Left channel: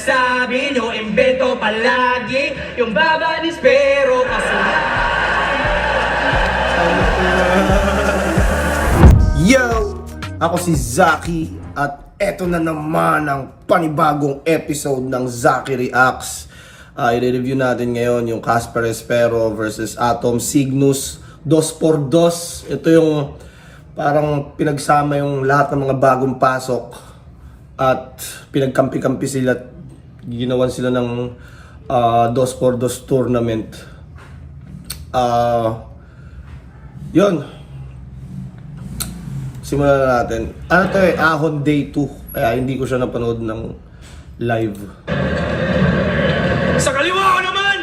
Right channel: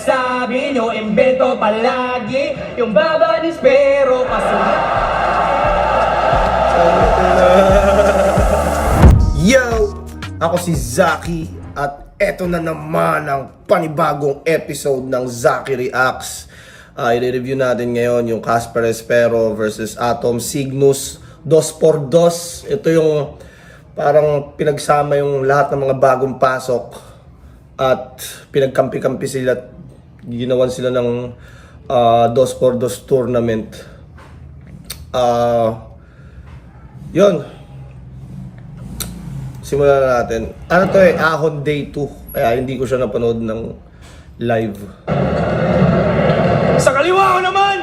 Sabi nyo, imbento palagi yung babanis pero kasunod. Yo! Ako si Zaki at eto na naman ang panibagong episode ng Zaki Reacts. I-review natin ngayon yung Casper Espero versus Atom Cygnus 2x2. Ito yung parang pinagsama yung lahat ng mga bagong pasok at pinagkampi-kampi sila at ginawan sila ng 2x2 tournament. Yun. Simulan na natin. Ano to Ahon Day 2. Kaya hindi ko siya napanood ng live. Sa kaliwa ko naman,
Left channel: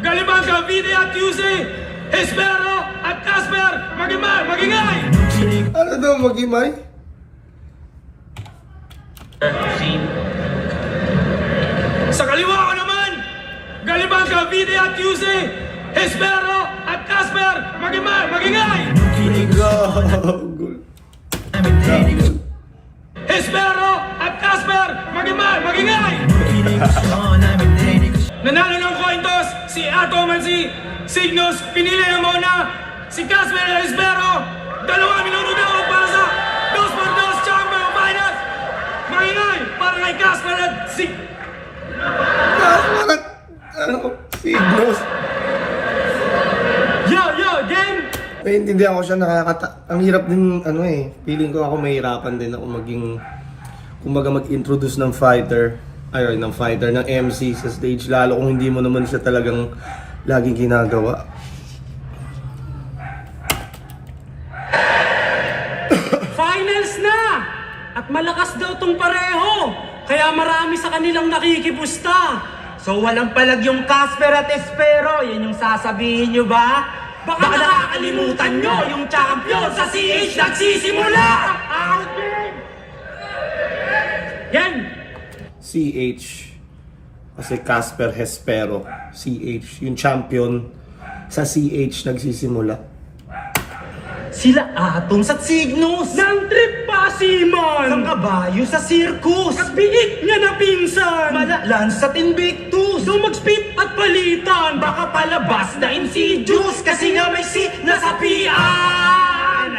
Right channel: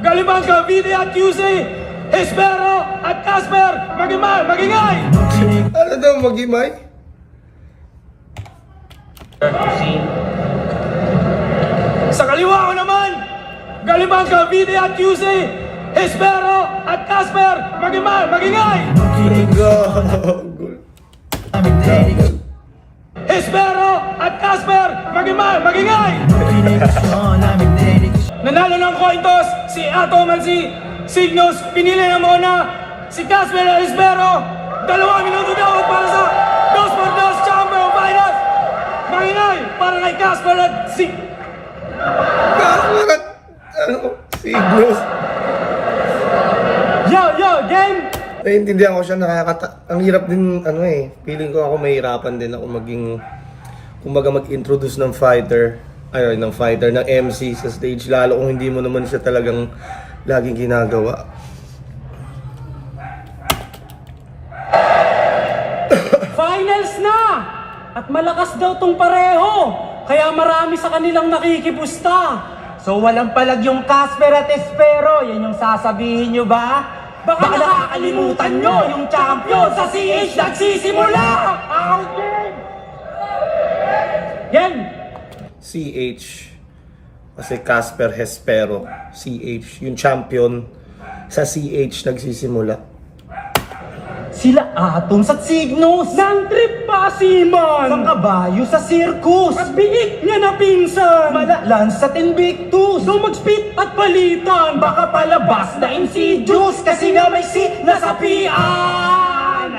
Galibang Cavite at QC, Espero at Casper, magingay! Ano daw magimay? Sa kaliwa ko naman, Galibang Cavite at QC, Espero at Casper, magingay! Gagol. Espero at Casper, magingay! Nanalo ng coin toss si Atom at si Cygnus. Pinili na muna si Casper at Espero. 2 minuto daw para sa 2x2 Chamber Finals. Magingay para kay Casper at Casper at Cygnus. Yo, game! Naiintindihan ko siya, ang hirap din, feeling ko ako mahirapan din ako kumbaga mag-introduce ng ng MC sa stage, lalo kung hindi mo naman siya talagang laging ginagawa. Finals na! At malakas daw tong pareho, kaya marami sa kanilang nakikipusta. So walang palag yung Casper at Espero, yan yung sasabihin nyo ba? Baka nakakalimutan nyo yung champion sa CH nagsisimula! Yan! CH. Kasi Casper Hespero. CH. Yung champion sa CH nagsisimula. Sila Atom sa Cygnus! Nang trip pa si Man! Ng kabayo sa circus! At biig niya na pinsan! Malalan sa Invictus! So mag-spit at palitan! Baka palabas na Insidious kasi nga may si nasapian!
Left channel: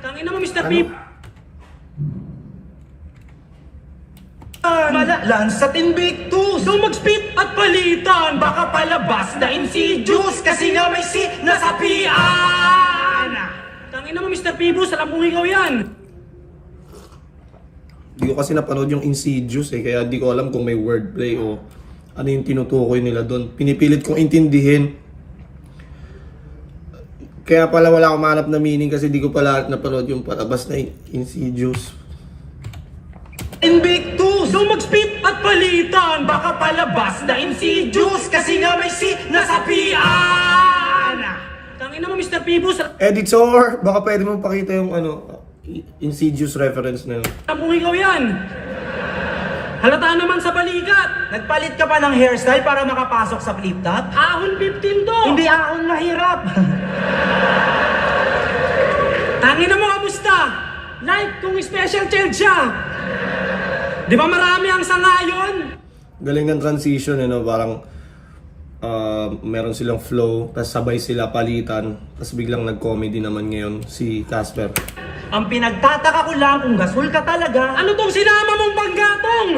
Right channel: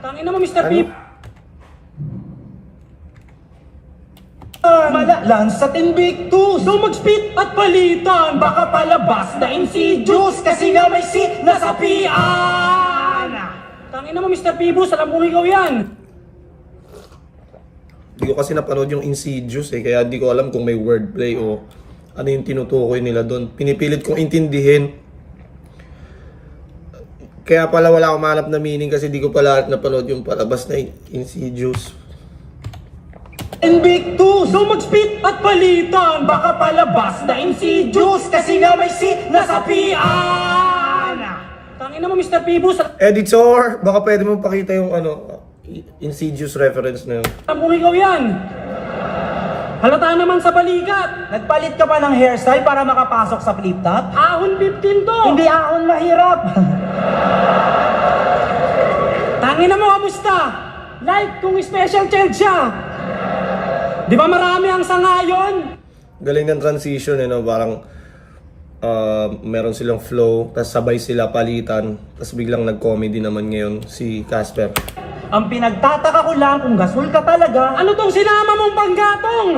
Tangina mo, Mr. Ano? Pip! Malalan sa Invictus! So mag-spit at palitan! Baka palabas na Insidious kasi nga may si nasapian! Tangina mo, Mr. Pibus, alam kong ikaw yan! Hindi ko kasi napanood yung Insidious kaya hindi ko alam kung may wordplay o ano yung tinutukoy nila doon. Pinipilit kong intindihin. Kaya pala wala akong mahanap na meaning kasi di ko pala napanood yung palabas na Insidious. Invictus! So mag-spit at palitan! Baka palabas na Insidious kasi nga may si nasapian! Tangina mo, Mr. Pibus, Editor, baka pwede mo pakita yung Insidious reference na yun. alam kong ikaw yan! Halata naman sa balikat! Nagpalit ka pa ng hairstyle para makapasok sa flip top? Ahon 15 to! Hindi ahon mahirap! Tangina mo, kamusta? Like kung special child siya! Di ba marami ang sangayon? Galing ng transition, parang meron silang flow, tapos sabay sila palitan, tapos biglang nag-comedy naman ngayon si Casper. Ang pinagtataka ko lang kung gasol ka talaga. Ano tong sinama mong panggatong?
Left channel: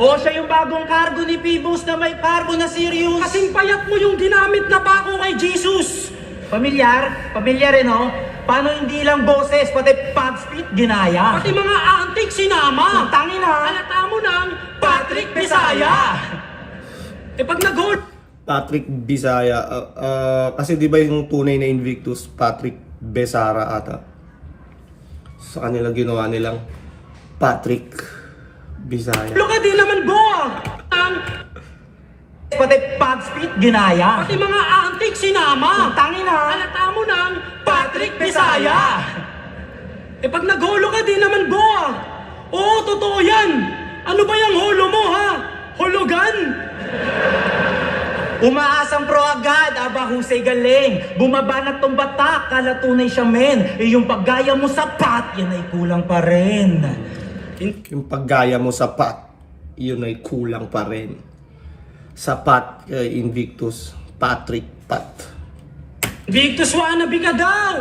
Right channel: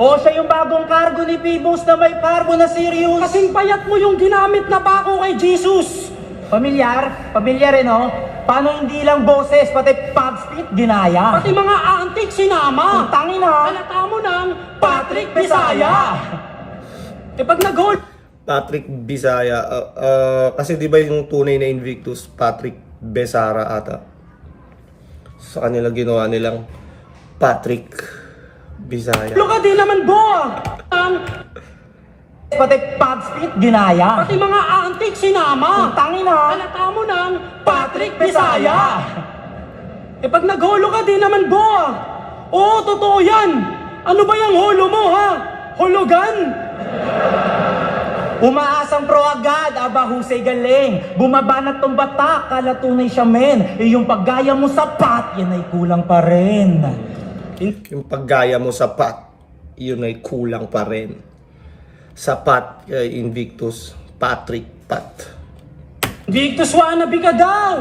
O siya yung bagong cargo ni Pibos na may cargo na serious. Kasing payat mo yung ginamit na pako kay Jesus! Pamilyar rin Paano hindi lang boses, pati pub spit ginaya? Pati mga antik sinama! Tangin na! Halata mo ng Patrick Bisaya! Pag nag-hold, Patrick Bisaya, kasi di ba yung tunay na Invictus, Patrick Besara ata. Sa kanila ginawa nilang Patrick Bisaya. ka din naman, Boa! Pati pub spit ginaya? Pati mga antik sinama! Tangin na! Halata mo ng Patrick Bisaya! Pag nagholo ka din naman, Boa! Oo, totoo yan! Ano ba yung holo mo, ha? Hologan? Umaasang pro agad, aba husay galing. Bumabanat tong batak, kala tunay siya men. Yung paggaya mo sa pat, yan ay kulang pa rin. Yung paggaya mo sa pat, yun ay kulang pa rin. Sapat kay Invictus Patrick Pat. Invictus wannabe ka daw!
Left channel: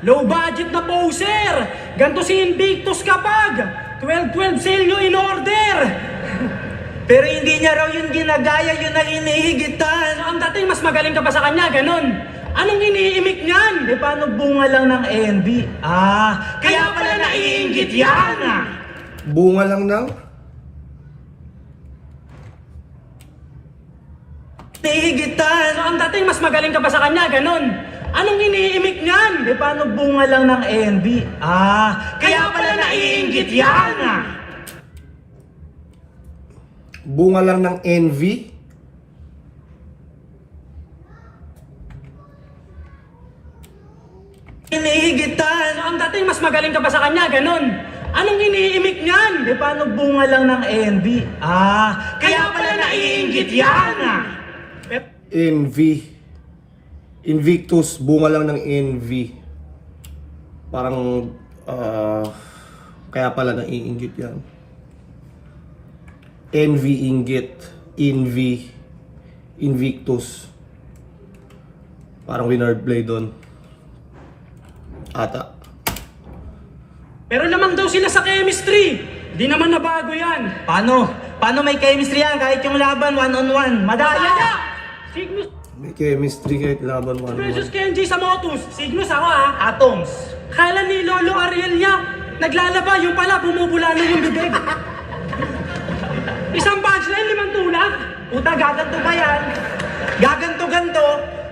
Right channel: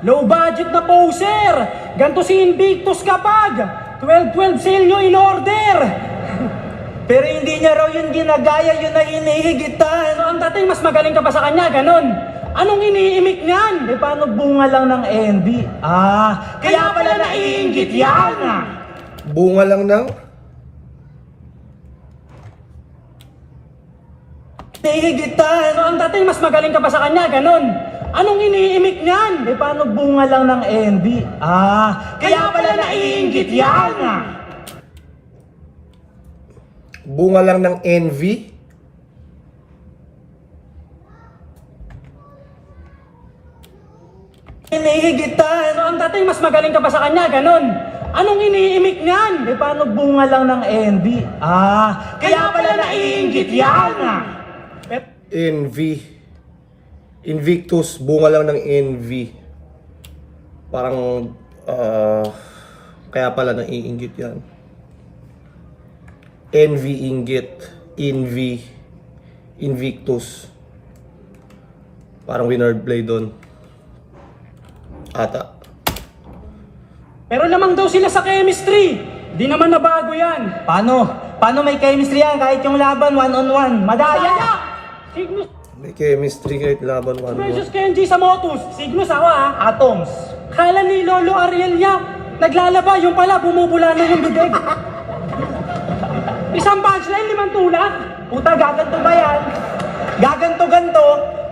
Low budget na poser! Ganto si Invictus kapag 12-12 sale nyo in order! Pero hindi niya raw yung ginagaya, yun ang inihigitan. So ang dating mas magaling ka pa sa kanya, ganon. Anong iniimik niyan? Eh, paano bunga lang ng envy? Kaya pala naiinggit yan! Bunga lang ng Nihigitan! So ang dating mas magaling ka pa sa kanya, ganon. Anong iniimik niyan? Eh, paano bunga lang ng envy? Kaya pala naiinggit yan! bunga lang ng envy. Inihigitan! So ang dating mas magaling ka pa sa kanya, ganon. Anong iniimik niyan? Eh, paano bunga lang ng envy? Kaya pala naiinggit yan! Envy. Invictus, bunga lang ng envy. Parang, kaya pala naiinggit yan. Envy, inggit. Envy. Invictus. Parang winard play doon. Ata. Pero lamang daw sila sa chemistry. Di naman nabago yan. Paano? Paano may chemistry yan kahit yung laban one-on-one? Madaya! Kaya, Cygnus May chemistry kahit laban versus 1-1. Kenji sa Motus. Cygnus ako ha. Atoms! Kala ni Lolo Arielia, naglalaba, yung pala bumubula na yung bibig. Isang punchline, 5 tulak. Puta, gaganto ba yan? Gaganto-ganto,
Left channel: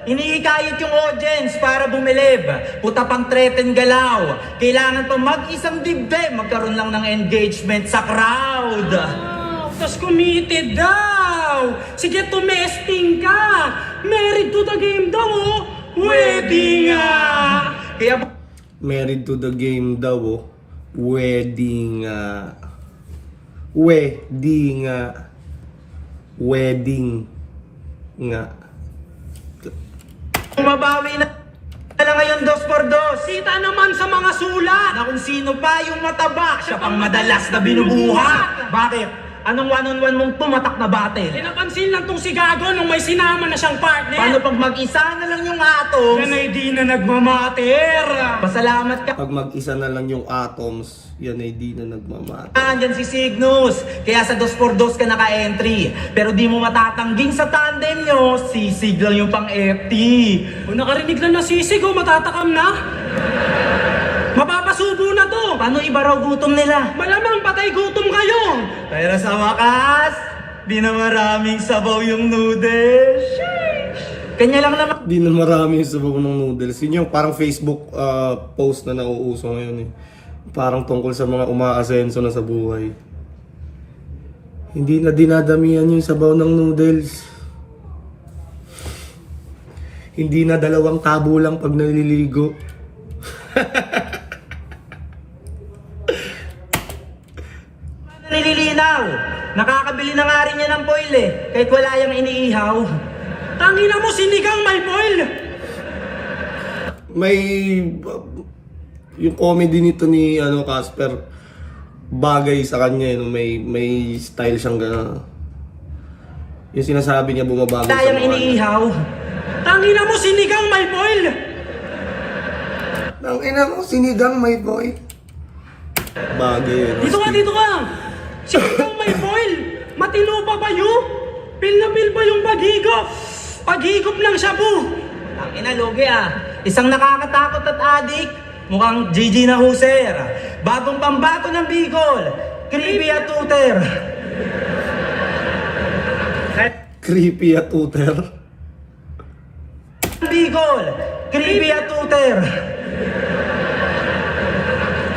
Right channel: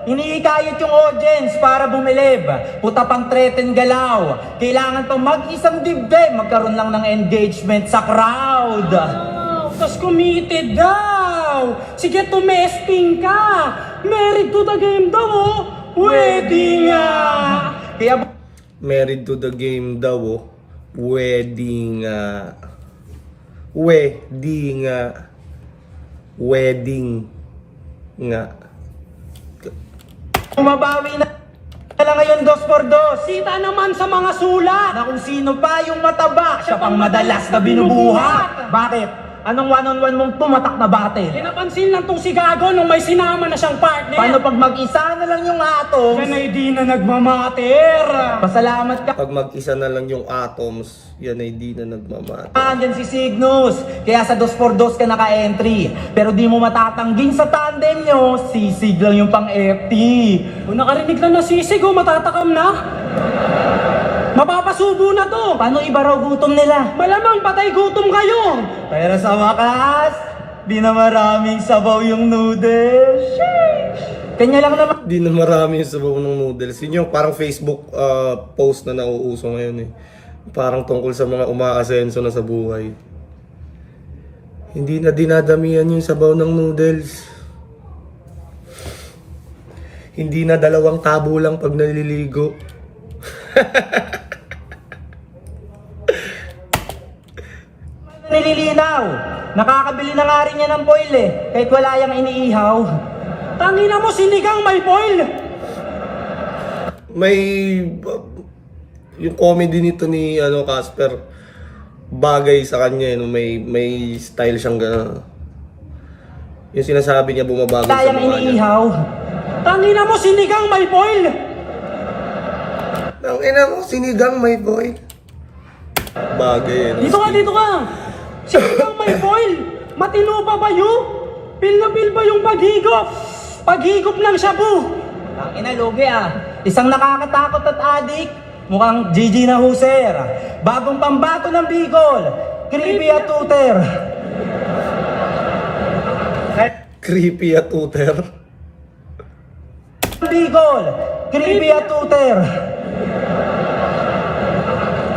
hinihikayot yung audience para bumilib. Puta pang threaten galaw. Kailangan pa mag-isang dibdib, magkaroon lang ng engagement sa crowd. Wow, tas committed daw. Sige, tumesting ka. Married to the game daw, oh. Wedding nga. Kaya Married to the game daw, oh. Wedding, wedding, wedding nga. bumabawi na lang ngayon 2-2. Kita naman sa mga sulat. Na kung sino pa yung mataba, siya pang madalas na binubuhat. Bakit? Anong one-on-one mong tumatak na battle? Pinapansin lang tong si Gago nung may sinama na siyang partner. Paano pag mag-isa na lang yung atoms? Yan ay di na nagmamater. Pasalamat ka. Pag mag-isa na lang yung atoms, yan ay di na nagmamata. Andyan si Cygnus. Kaya sa 2-4-2 ka naka-entry. Pero di mo matatangging sa tandem nyo, sisig lang yung pang-FT. Kung nakarinig na nasisig, oh, matatakam na. Mapapasubo na to. Paano iba raw gutom nila? Malamang patay gutom kayo. Pero sa wakas, di na maraming sabaw yung noodles. Kanya lang naman. Di na marami yung sabaw ng noodles. Yun yung parang Facebook post na nauuso ngayon eh. Parang tungkol sa mga umaasenso na sa buhay. Hindi na dinadamihan yung sabaw ng noodles. Hindi na 2 tabo lang pag naliligo. Nililinaw. Nakakabili na nga rin yan ng foil eh. Kahit wala yung iniihaw. Tangina mo, sinigang may foil. May yung comedy nito ni Casper bagay sa kanya no? may style siyang gano'n. Yung sinasabi niya bumabagay Wala sa yung mukha niya. iniihaw. Tangina mo, sinigang may foil. Ang ina mo, sinigang may boy. Bagay no? Dito ka, dito ka. Sinigang may foil. Matino pa ba yun? Pil na pil ba yung paghigop? Paghigop ng shabu. Ang inalugi Isang nakakatakot at adik. Mukhang GG na huser. Bagong pambato ng Bicol. Creepy at tuter. Creepy at tuter. Bicol. Creepy at tuter.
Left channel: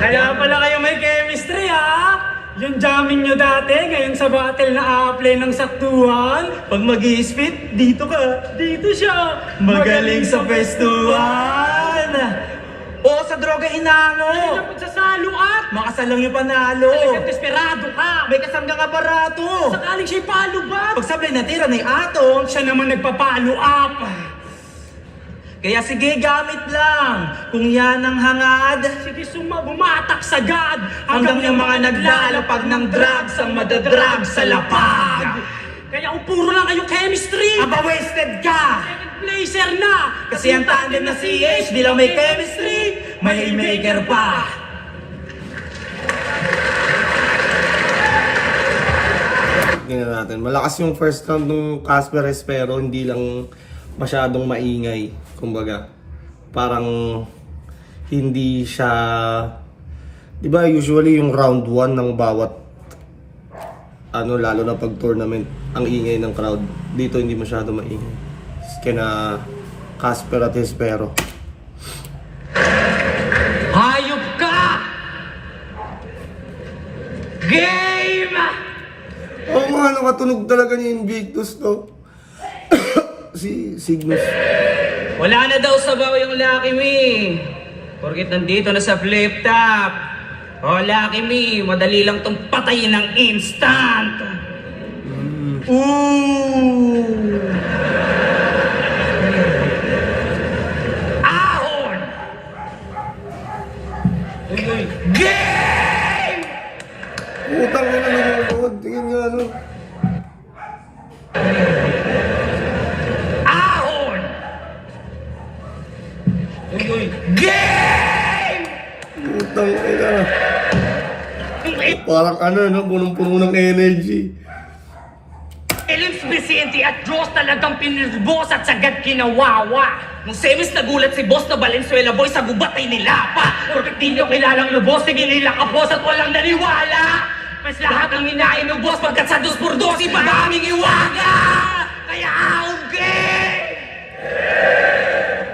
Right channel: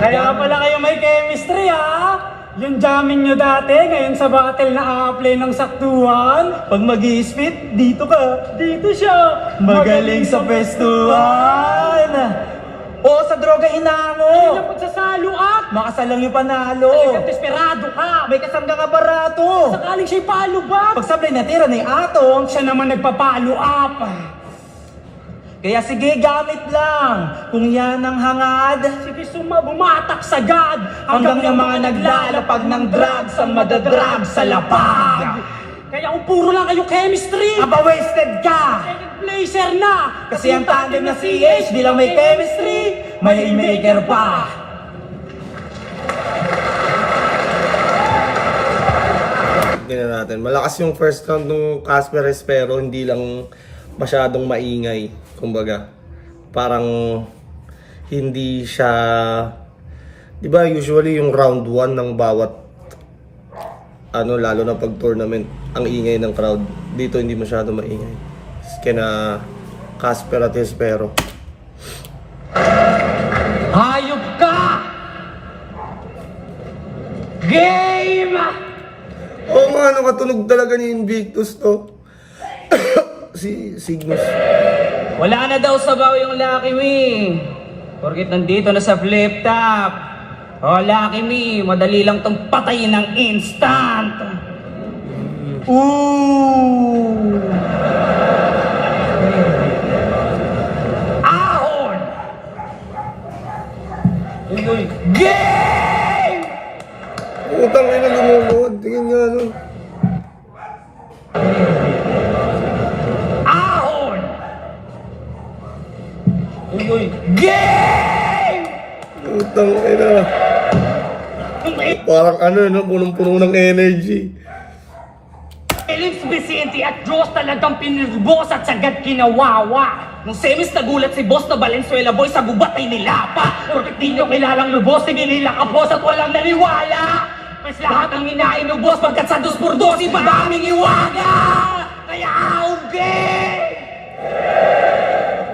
Kaya pala kayo may chemistry, ha? Yung jamming nyo dati, ngayon sa battle na a-play ng saktuhan. Pag mag-i-spit, dito ka. Dito siya. Magaling sa festuhan. O sa droga Ay, hinango. ng pagsasalo at Makasalang yung panalo. talagang desperado ka. May kasanggang aparato. Sakaling siya'y palubat. Pag sablay natira na yung atom, Siya naman nagpapalo up. Kaya sige, gamit lang. Kung yan ang hangad, Sige, bumatak sagad. hanggang yung mga naglalapag ng drugs ang madadrag sa lapag. Kaya kung puro lang kayo chemistry. Aba, wasted ka! Blazer na. Kasi ang tandem na CH, di lang may chemistry, may haymaker pa. Tingnan natin. Malakas yung first round ng Casper Espero, hindi lang masyadong maingay. Kumbaga, parang hindi siya, di ba usually yung round 1 ng bawat lalo na pag tournament, ang ingay ng crowd. Dito hindi masyado maingay. Kina Casper at Espero. Hayop ka! Game! Oo nga, katunog talaga ni Invictus to. Si Cygnus. Wala na daw sabaw yung Lucky Me. Porkit nandito na sa flip top. Oh, Lucky Me, madali lang tong patayin ng instant. Ooh! Ahon! Game! Utang ina lumulod. Tingin nga nun. Ahon! Game! Utang ina. Parang punong-puno ng energy. Elips Vicente at Diyos talagang pinilbos at sagad kinawawa. Nung semis nagulat si Boss na Valenzuela Boy sa bubatay nila pa. Porkit di nyo kilalang lubos, sige nila kapos at walang naniwala. Mas lahat ang hinain ng boss pagkat sa 2x2 ibabaming iwaga. Kaya auge!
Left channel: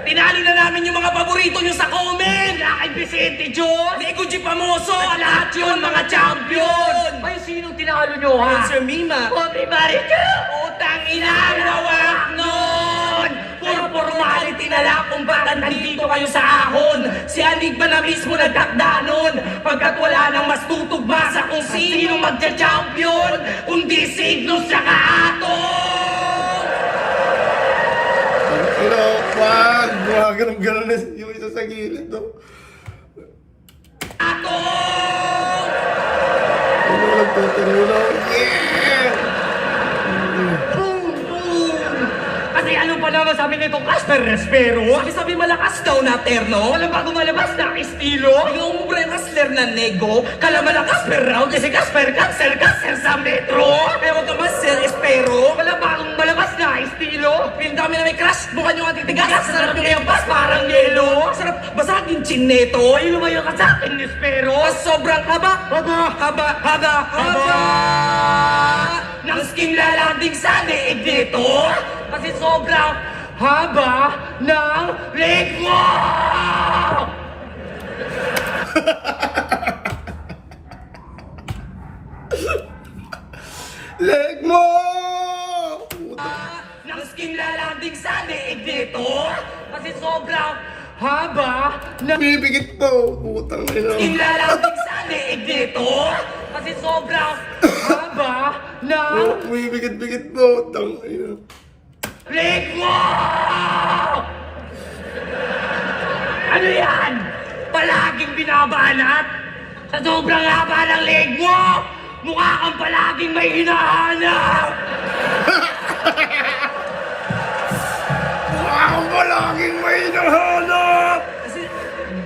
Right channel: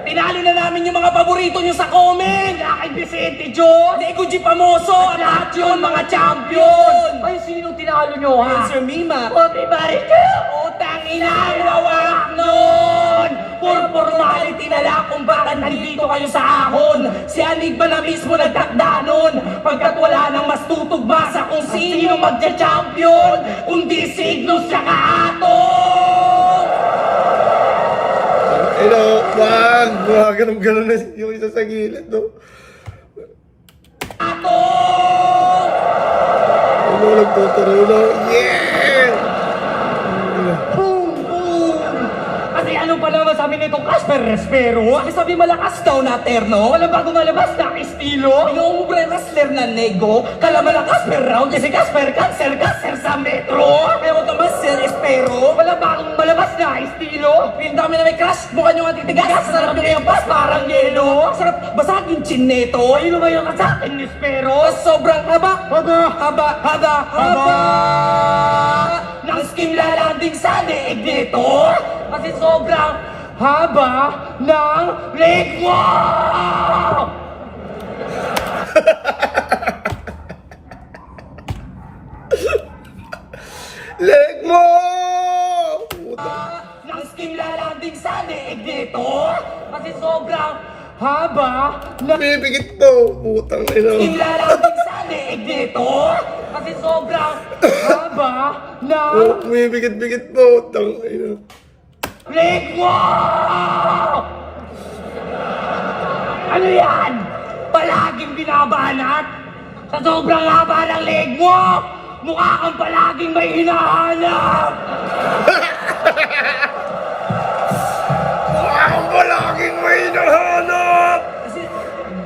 Tinalo na namin yung mga paborito nyo sa comment. Lakay Vicente Diyos, Ego G. Pamoso, at lahat yun mga champion. Ay, sinong tinalo nyo, ha? Sir Mima. Pobre Marika, utang ina, lawak nun! Puro formality na lang kung bakit nandito kayo sa ahon. Si Anigma na mismo nagtakda nun. Pagkat wala nang mas tutugma sa kung sino magja-champion, kundi Signos tsaka Atom! Wag! Mga ganun-ganun na yung isa sa gilid, no? Atom! Nagtuturo. Yeah! Boom! Boom! Kasi ano pala masabi nito, Casper Espero? Sabi malakas daw na terno, walang bago malabas na estilo. Yung umbre wrestler na nego, kalaban ng Casper round, kasi Casper cancer sa metro. Kaya huwag naman Sir Espero, walang bagong malabas na estilo. Yung dami na may crush, mukha nyo ang titigas, sarap nyo yung pas, parang yelo. Sarap basagin chineto, yun naman yung kasakin ni Espero. Sobrang haba, haba. Nang skin lalanding sa leeg nito. Kasi sobrang haba ng leg mo! Leg mo! Puta. Nang skin lalanding sa leeg nito. Kasi sobrang haba ng Pipikit to. Putang ina. skin lalanding sa leeg nito. Kasi sobrang haba ng Pipikit-pikit to. Putang ina. leg mo! Ano yan? Palaging binabanat? Sa sobrang haba ng leg mo, mukha kang palaging may hinahanap! Mukha kang palaging may hinahanap!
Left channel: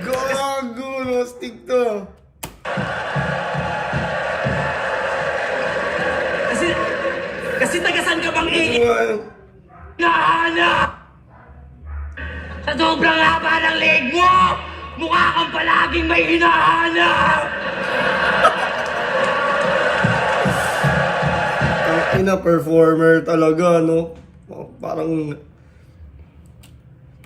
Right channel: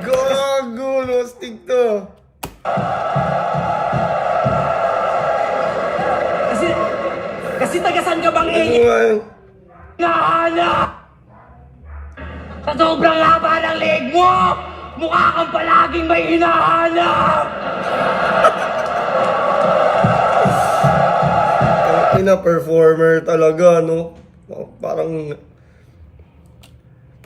Gago, no? Stick to. Kasi tagasan ka bang hinahanap? Sa sobrang haba ng leg mo, mukha kang palaging may hinahanap! Ang ina, performer talaga, no? Parang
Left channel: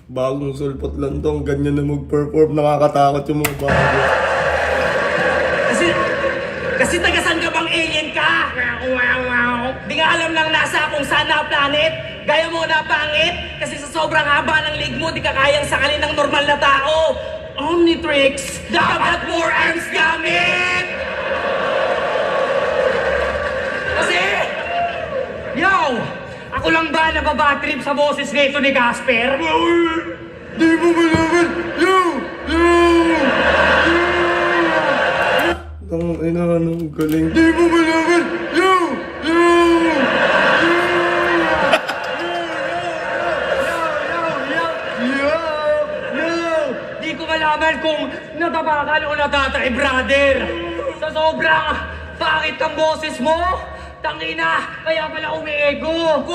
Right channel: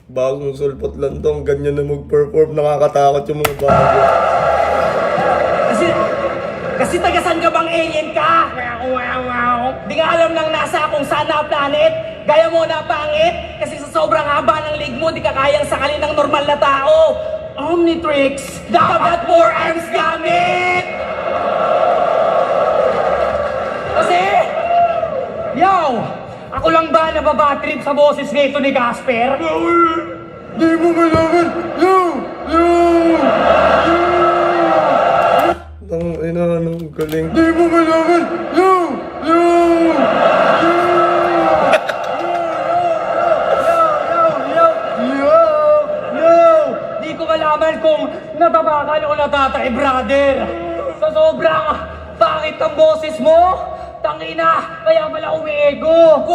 bagong sulpot lang to. Ang ganyan na mag-perform. Nakakatakot yung mga bago. Kasi tagasan ka bang alien ka? Di nga alam lang nasa kung saan na planet. Gaya mo na pangit. Kasi sa sobrang haba ng leg mo, di ka kayang sakalin ng normal na tao. Omnitrix, dapat 4 arms gamit! Kasi, yo, ako lang ba nababatrip sa boses nito ni Casper? Di mo malaman! Yo! Yo! Ang ina, anong galing. Di mo malaman! Yo! Yo! Di ko malaman kung natapakan o natatay, brother. Sa sobrang pangit ang boses mo, tangina, kaya pala umiego.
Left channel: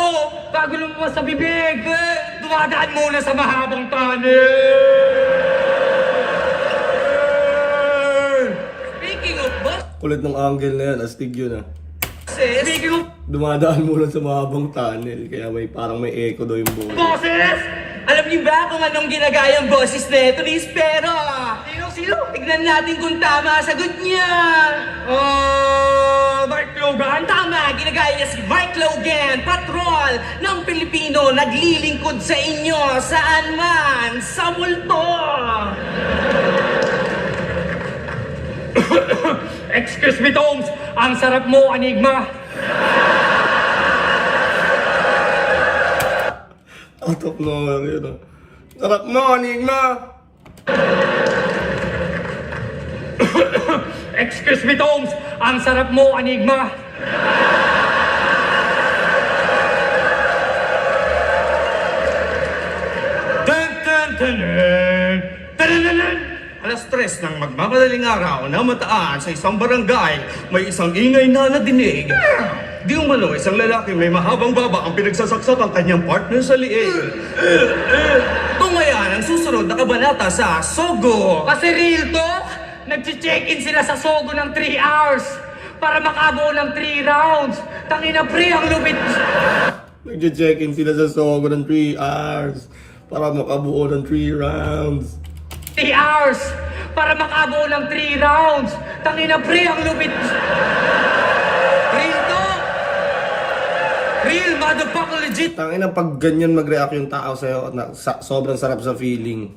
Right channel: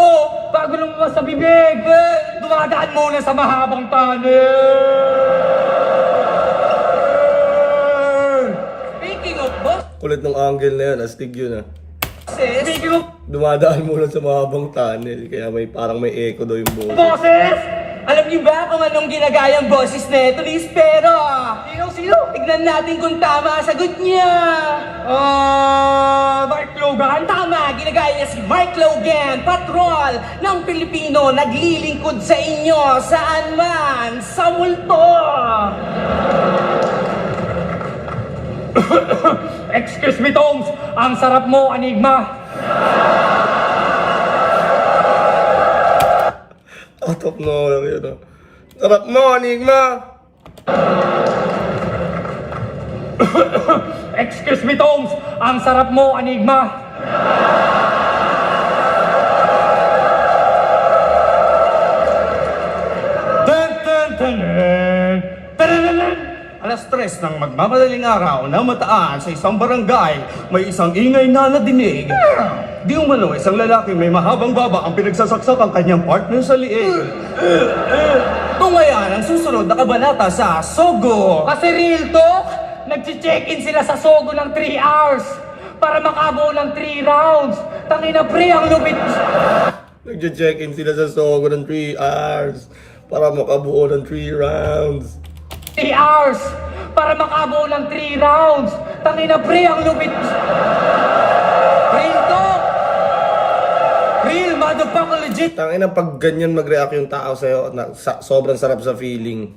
Bago lumabas sa bibig, dumadaan muna sa mahabang tunnel. Speaking of bosses, Kulit ng angle na yun, astig yun ah. Speaking of Dumadaan muna sa mahabang tunnel, kaya parang may echo daw yung boses. boses, alam niyo ba kung anong ginagayang boses na ito ni Espero? sino? Tignan natin kung tama ang sagot niya. Mark Logan? Tama, ginagaya niya si Mark Logan, patrol ng Pilipino, naglilingkod sa inyo saan man sa multo. Excuse me, Toms. Ang sarap mo, Enigma. Atok na lang yun ah. Sarap mo, Enigma! Excuse me, Toms. Ang sarap mo, Enigma. Alas 3 ng magmamadaling araw na mataan sa isang barangay, may isang ingay na nadinig. Di umano, isang lalaki may mahabang baba ang pinagsasaksak ang kanyang partner sa liig. Tungayan ang susunod na kabanata sa Sogo. Kasi real talk, nag-check-in sila sa Sogo ng 3 hours para makabuo ng 3 rounds. Tangina pre, ang lupit. Nagche-check-in sila sa Sogo ng 3 hours para makabuo ng 3 rounds. 3 hours para makabuo ng 3 rounds. Tangina pre, ang lupit. Real talk. Real motherfucker legit. Tangina pag ganyan mag-react yung tao sa'yo, sobrang sarap sa feeling.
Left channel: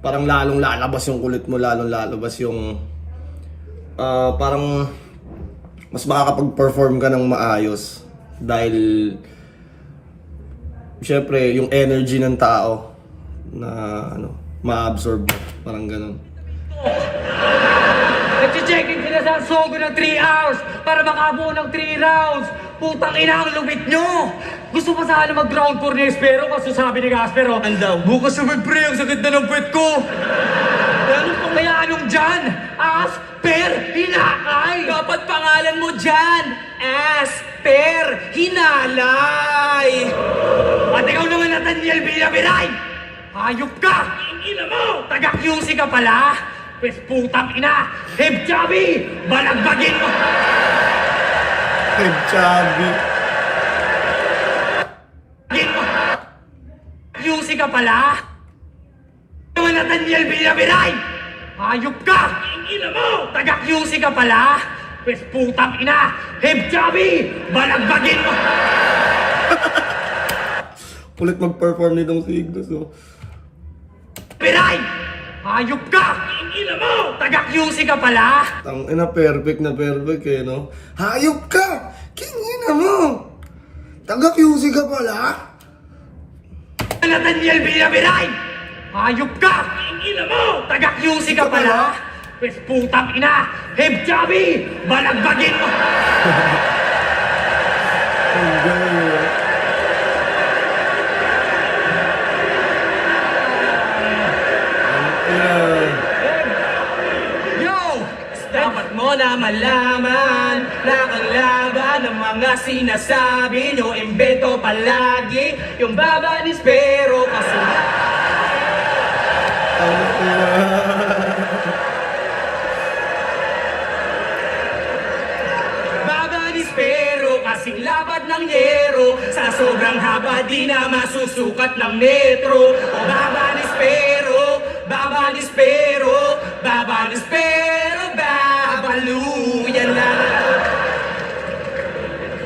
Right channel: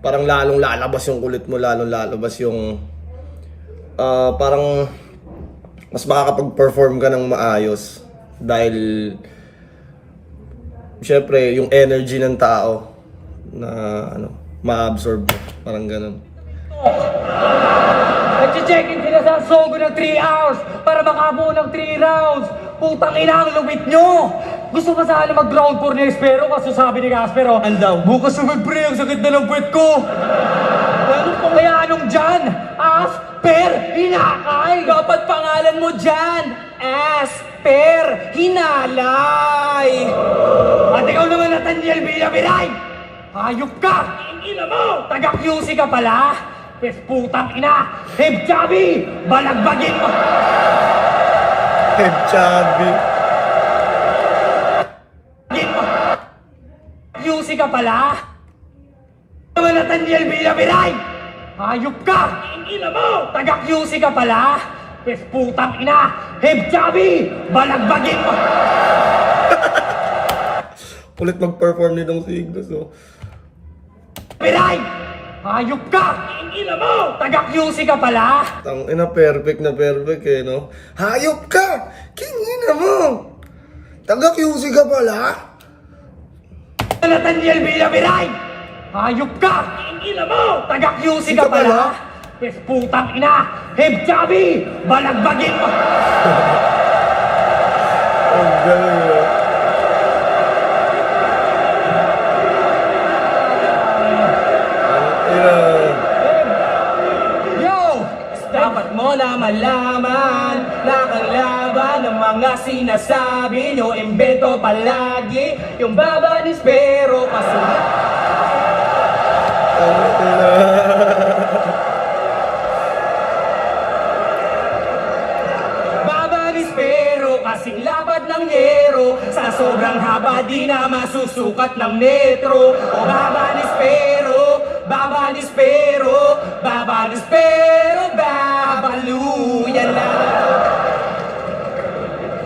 Parang lalong lalabas yung kulit mo, lalong lalabas yung... parang mas makakapag-perform ka ng maayos. Dahil... syempre, yung energy ng tao na ma-absorb mo. Parang ganun. Nag-check-in sila sa Sogo ng 3 hours para makabuo ng 3 rounds. Putang ina, ang lupit nyo! Gusto pa sana mag-ground for ni Espero, kaso sabi ni Gaspero, Andaw, bukas naman pre, ang sakit na ng puwet ko! Ano pa kaya anong dyan? Asper, hinakay! Dapat pangalan mo dyan, Asper Hinalay. At ikaw naman, Nathaniel Villaviray! Hayop ka! Ina mo! Taga-QC ka pala? Pes putang ina! Heb Chubby! Balagbagin mo! Head chubby. QC ka pala? Naman Nathaniel Villaviray! Hayop ka! Ina mo! Taga-QC ka pala? Pes putang ina! Heb Chubby! Balagbagin mo! Kulit mag-perform nitong si Ignos, oh. Villaviray! Hayop ka! Ina mo! Taga-QC ka pala? Tangina, perfect na perfect eh, no? Hayop ka! Kingina mo! Taga-QC ka pala? Nathaniel Villaviray! Hayop ka! Ina mo! Taga-QC ka pala? Pes putang ina! Heb Chubby! Balagbagin mo! Ang galing, oh. Ang ina. Yo! Dapat mo na malaman na kalaban ng mga sinasabi nyo, imbento palagi yung baba ni Espero kasi Ang ina. baba ni Espero kasing lapad ng yero, sa sobrang haba di na masusukat ng metro. O baba ni Espero, baba ni Espero, baba ni Espero, babaluyan lang.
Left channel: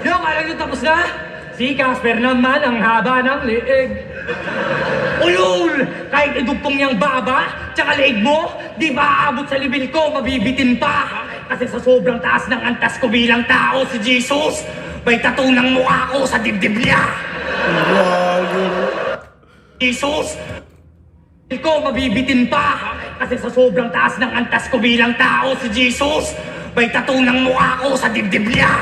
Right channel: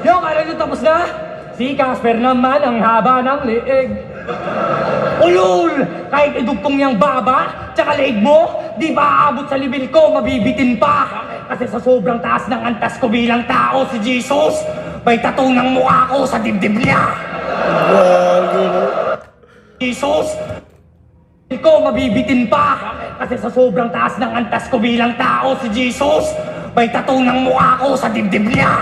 Yo, kala nyo tapos na? Si Casper naman ang haba ng liig. Ulul! Kahit idugtong niyang baba, tsaka leeg mo, di ba aabot sa libil ko, mabibitin pa. Kasi sa sobrang taas ng antas ko bilang tao, si Jesus, may tattoo ng mukha ko sa dibdib niya. Gago, no? Jesus! ko mabibitin pa. Kasi sa sobrang taas ng antas ko bilang tao, si Jesus, may tattoo ng mukha ko sa dibdib niya.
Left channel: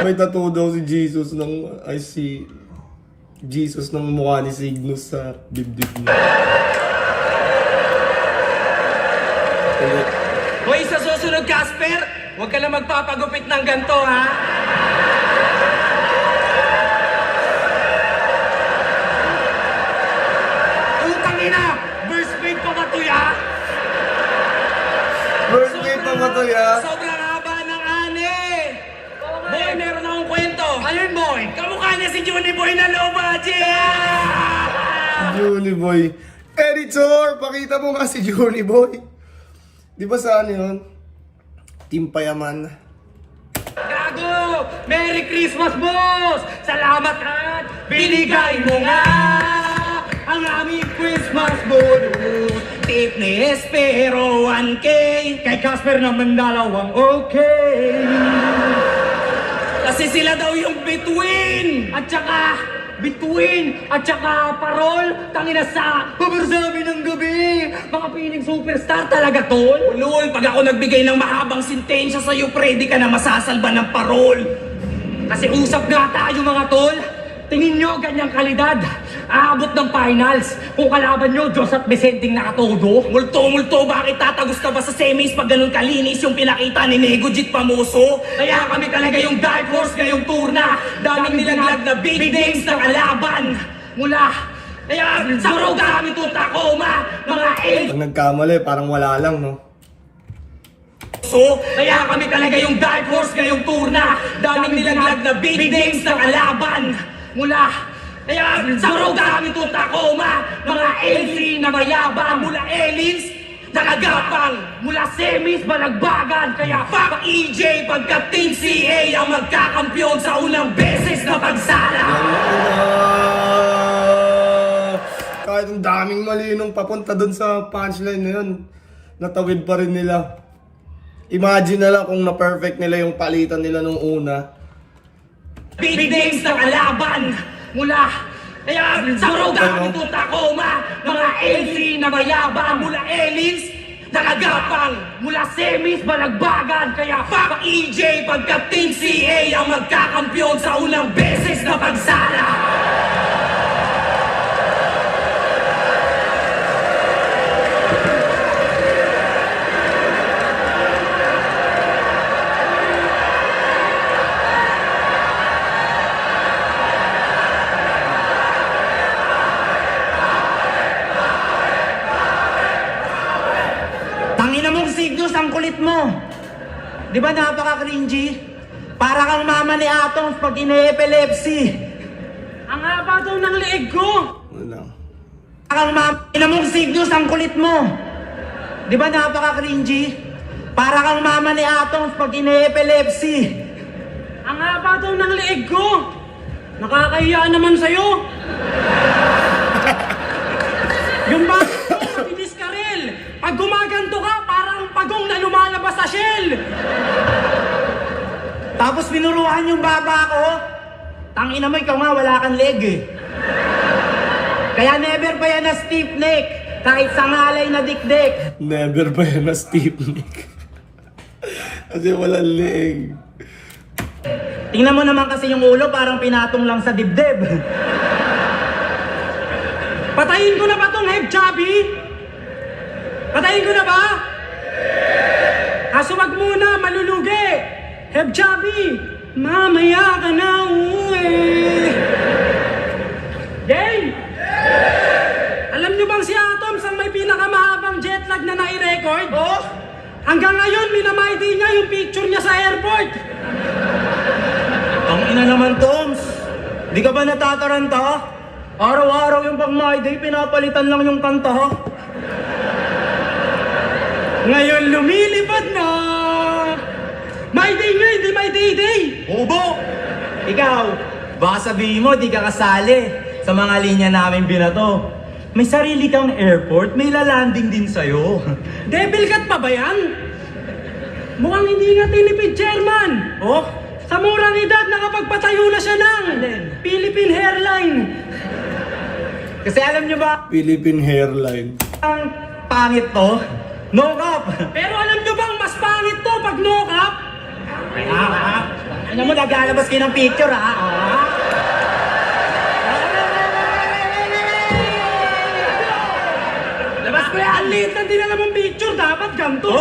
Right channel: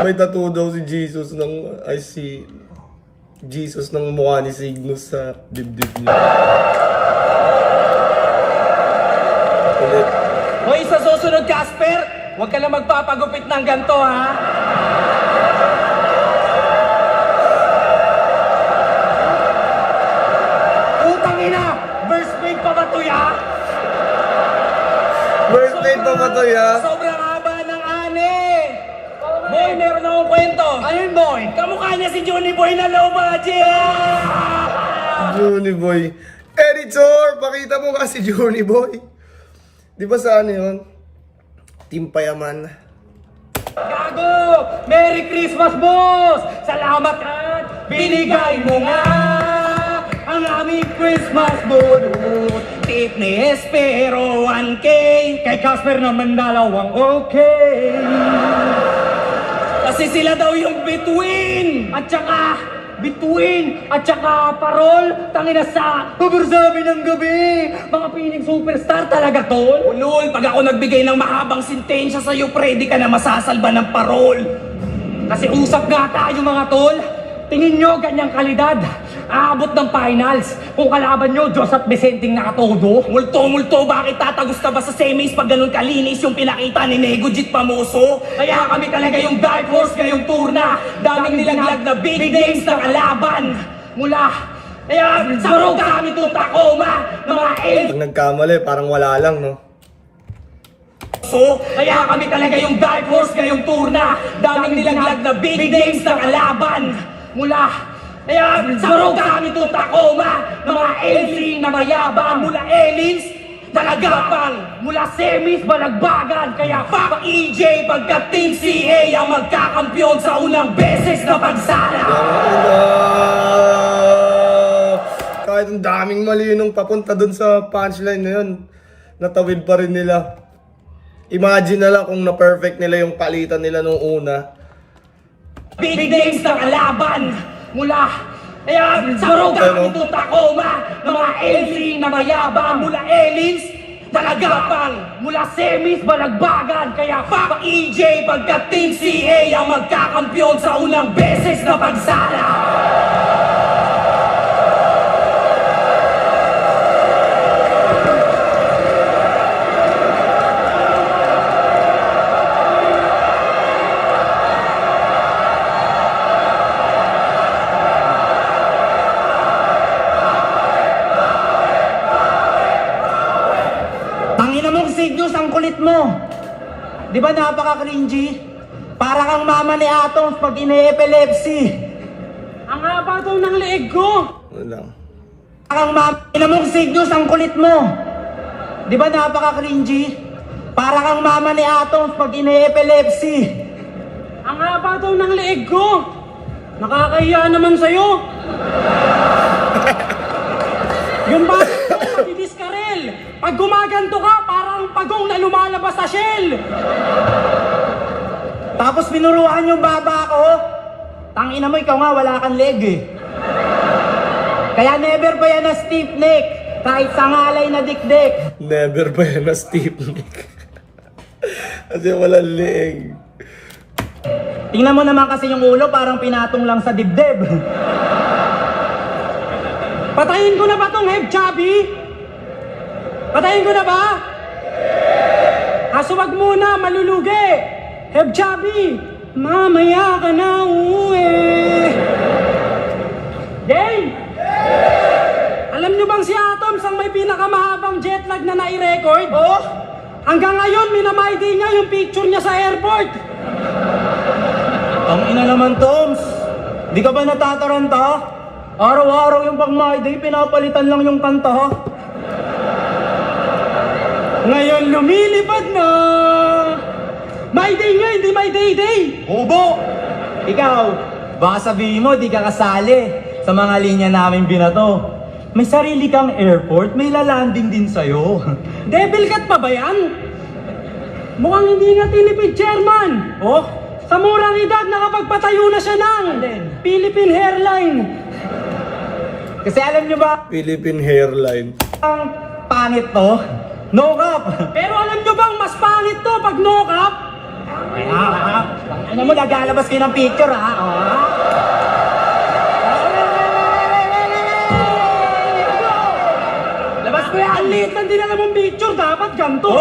May tattoo daw si Jesus si Jesus ng mukha ni Cygnus sa dibdib niya. Ulit. Hoy, sa susunod, Casper, huwag ka na magpapagupit ng ganto, ha? Utang ina! First grade pa ba to ya? Birthday pa ba to, ya? Sobrang haba ng ane. Boy, meron akong kwento. Ano yun, boy? Kamukha niya si Johnny Boy na low budget. Johnny Boy. Editor, pakita mo nga si Johnny Boy. Di ba sa ano yun? Team Payaman. Gago! Merry Christmas, boss! Salamat at binigay mo nga ang aming Christmas bonus. Tip ni Espero 1K. Kay Casper naman dalawang okay. Kasi sila daw yung between. At saka, between, at saka parol, tangina sa pabarsabi ng gabi. Mga piling superstar talaga, tol. Ulol, pag ako nagbigay ng mahabang sintensya sa'yo, pwede ka na masasalba ng parol. Kasi usap nga tayo mga tol. Tingin nyo ganyang kalidad. Aabot ng finals. Kung kalaban nyo, Diyos at Vicenteng nakatodo. Multo, bakit tatagos ka ba sa semis pag ganun kalinis yung pinakita ni Nego Jit Pamoso? Kaya kami talaga yung dark horse ngayong turna. Daming nilaglag na big names na kalaban. Mula. Kaya sa road kami to Tacoma. Mga Pag nagkamali, parang wala lang, no? So, kaya kami talaga yung dark horse ngayong turna. Daming nilaglag na big names na kalaban. Mula. Kaya sa road kami to Tacoma. Mga LC na mayabang. Mula Elins, nakagapang. Mula semis, balagbagan. Kaya Fuck EJ pagkat Team CA ang magkakampyon sa unang beses na pagsala. Yung una. Kahit ang daming mali nung papunta dun sa punchline na yun, natawid pa rin nila. Imagine na lang kung na-perfect nila yung palitan nila nung una. Big names na kalaban. mula. Kaya sa road Ano? kami to Tacoma. Mga LC na mayabang. Mula Elins, nakagapang. Mula semis, balagbagan. Kaya Fuck EJ pagkat Team CA ang magkakampyon sa unang beses na pagsala. Tangina mong Cygnus, ang kulit mo. Di ba napaka-cringy? Para kang mama ni Atoms pag ine-epilepsy. ang haba daw ng leeg ko. Ano lang. Para kang mama mong Cygnus, ang kulit mo. Di ba napaka-cringy? Para kang mama ni Atoms pag ine-epilepsy. Ang haba daw ng leeg ko. Nakakahiya naman sa'yo. Yung bakit ko, matidiskarel. Pag gumaganto ka, parang pagong na lumalabas sa shell. Tapos pinuruan yung baba ko. Tangina mo, ikaw nga wala kang leg eh. Kaya never pa yan na stiff neck. Kahit sa ngalay na dikdik. Never ba yan na Steve Nick? Kasi walang leeg. Tingnan mo naman kasi yung ulo, parang pinatong lang sa dibdib. Patayin ko na ba tong Heb Chubby? Patayin ko na ba? Kaso wag muna, malulugi. Heb Chubby, mamaya ka na uuwi. Jane! Alam niyo bang si Atoms ang may pinakamahabang jetlag na nai-record? Oh? Hanggang ngayon, minamay niya yung picture niya sa airport. Ang ina naman, Toms. Di ka ba natataranta? Araw-araw yung pag My Day, pinapalitan lang yung kanta. Ngayon lumilipad na. My day nga, hindi my day. Ubo! Ikaw, baka sabihin mo, di ka kasali sa mga linya namin binato. May sarili kang airport, may lalanding din sa'yo. Devil cat pa ba yan? Mukhang hindi nga tinipid, Chairman. Oh? Sa murang edad, nakapagpatayo na siya ng Alin? Philippine Hairline. Kasi alam nyo ba, Philippine hairline. ang pangit to? No cap! Pero alam nyo bang mas pangit to pag no cap? Ano mo, nag-alabas kayo ng picture, ha? Labas ko yan! Ang liit ng dinala mong picture, dapat ganito!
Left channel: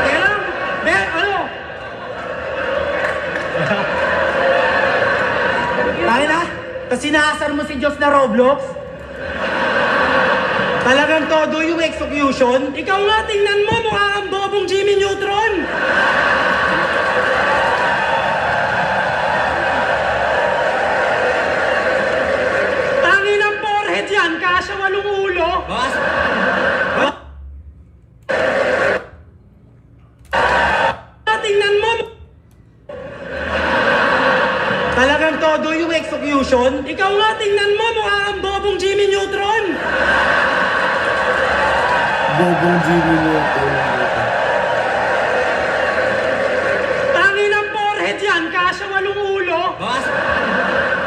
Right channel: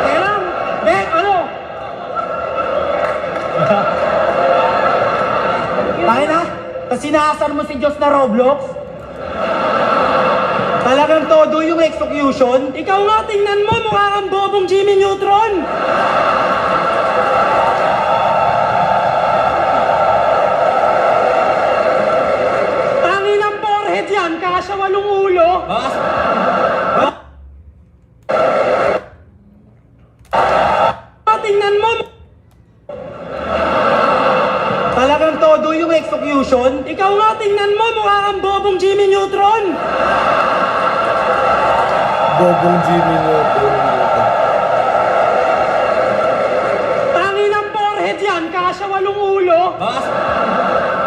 Teka lang! Ano? Tayo na? Tapos sinasar mo si Diyos na Roblox? Talagang todo yung execution? Ikaw nga, tingnan mo, mukha kang bobong Jimmy Neutron! Tangi ng forehead yan, kasya 8 ulo! Tingnan mo, Talagang todo yung execution? ikaw nga, tingnan mo, mukha kang bobong Jimmy Neutron! Bobong Jimmy Neutron. Tangi ng forehead yan, kasya 8 ulo!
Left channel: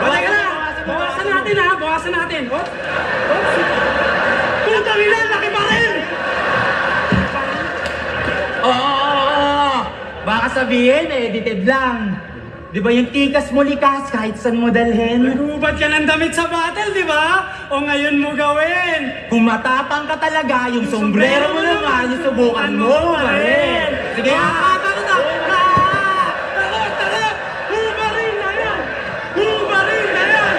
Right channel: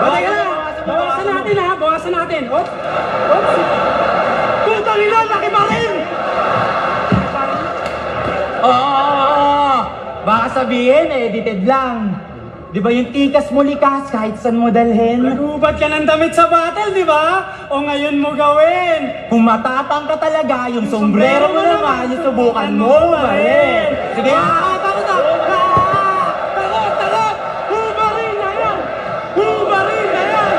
Teka lang, bawasan natin ha, bawasan natin. Hop! Hop! Putang ina, laki pa rin! Oo! Baka sabihin, edited lang. Di ba yung tikas mo likas kahit saan mo dalhin? Nagubad ka ng damit sa battle, di ba? O ngayon mo gawin! Kung matapang ka talaga, yung sombrero mo naman, yung subukan mo pa rin. Sige, Takot! Hubarin na yan! Hubarin na yan!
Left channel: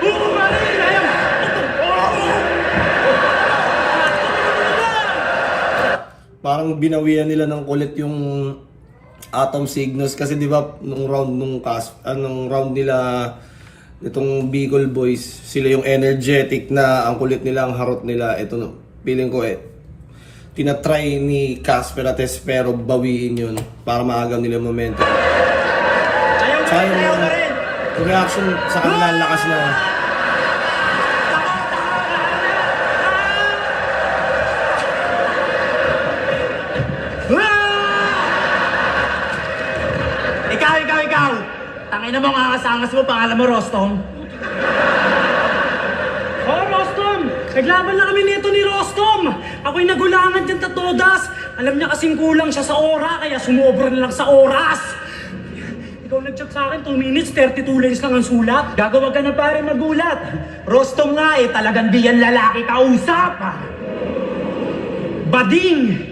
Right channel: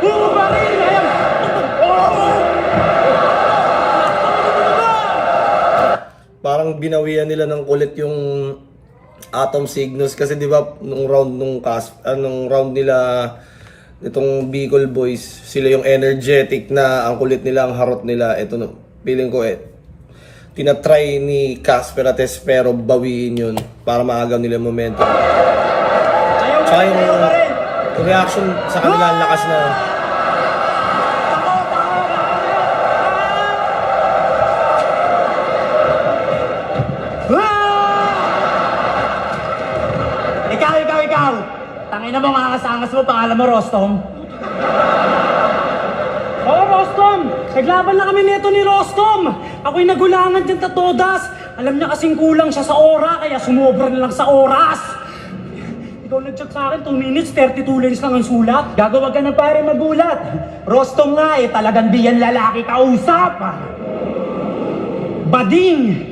Hubarin na yan! Parang binawian nila ng kulit yung Atom Cygnus kasi 'di ba nung round nila itong Bicol Boys, sila yung energetic na ang kulit nila, ang harot nila. Ito feeling ko tinatry ni Casper at Espero bawiin yun para maagaw nila yung momentum. Tsaka yung reaction sa kanila ang lakas na. Ikaw! Tangina mo, angas-angas mo, pangalan mo Rostom. Oh, Rostom! Naglaban na kami nito ni Rostom! Ako'y nagulangan dyan tatodas! Alam niya kasing kulang siya sa ora, kaya sumobra na lang sa oras! Ikaw nag-check sa akin, 2 minutes, 32 lines lang ang sulat. Gagawag ka na pare magulat. Rostom nga talagang di yan lalaki kausap. Bading!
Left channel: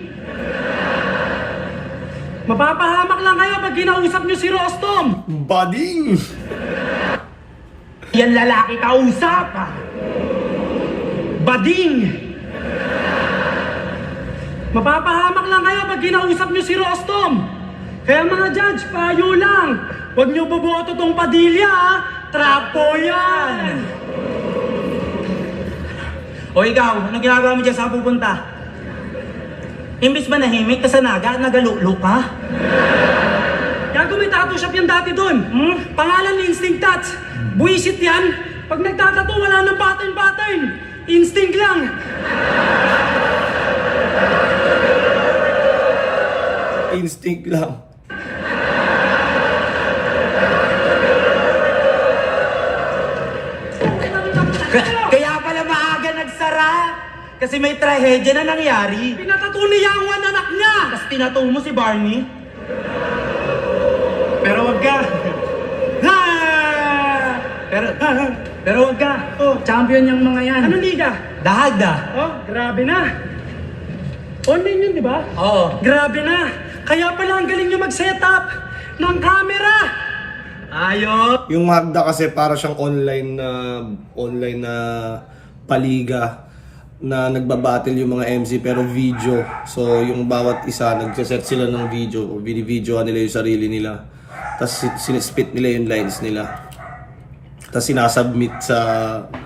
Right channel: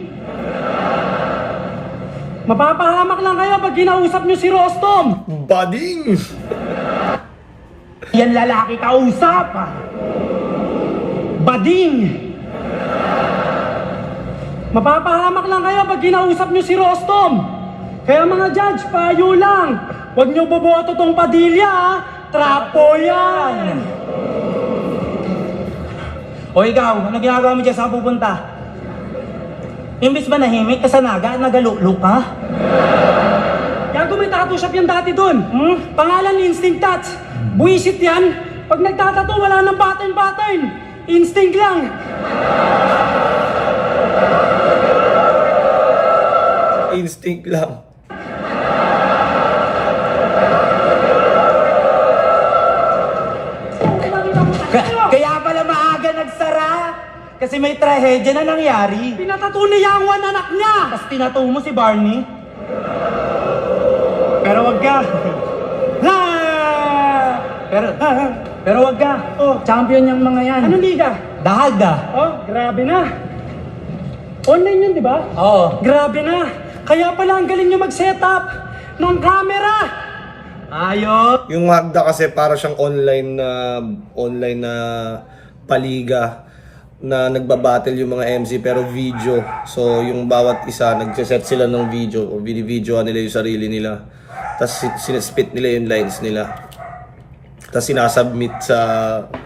Mapapahamak lang kayo pag kinausap niyo si Rostom! Bading! Yan lalaki kausap. Bading! Mapapahamak lang kayo pag kinausap niyo si Rostom! Kaya mga judge, payo lang! Huwag niyo boboto tong Padilla, ha? Trapo yan! O ikaw, ano ginagawa mo dyan sa pupunta? Imbis ba nahimik ka sa naga, nagalulok ka? Gago, may tattoo shop yan dati dun. Pangalan Instinct Tats. Buisit yan. Pag nagtatato, wala nang pattern. Instinct lang. Instinct lang. Kaya pala maaga nagsara. Kasi may trahedya na nangyari. Pinatato ni Yang Wan anak niya. Tapos tinato mo si Barney. Pero wag ka. Ha! Pero wag ka. Oh. Champion yung mga yan. Anong liga? Dahag da. Oh, grabe na. Online yun, di ba? Oo. Grabe na. Kaya pala ang galing niyo mag-setup ng camera. Ayos. Yung Magda kasi para siyang online na paliga na nagbabattle yung mga MC pero video. So yung bawat isa nagse-set sila ng video o video nila yung sarili nila. Tapos sinaspit nila yung lines nila. Tapos sinasubmit sa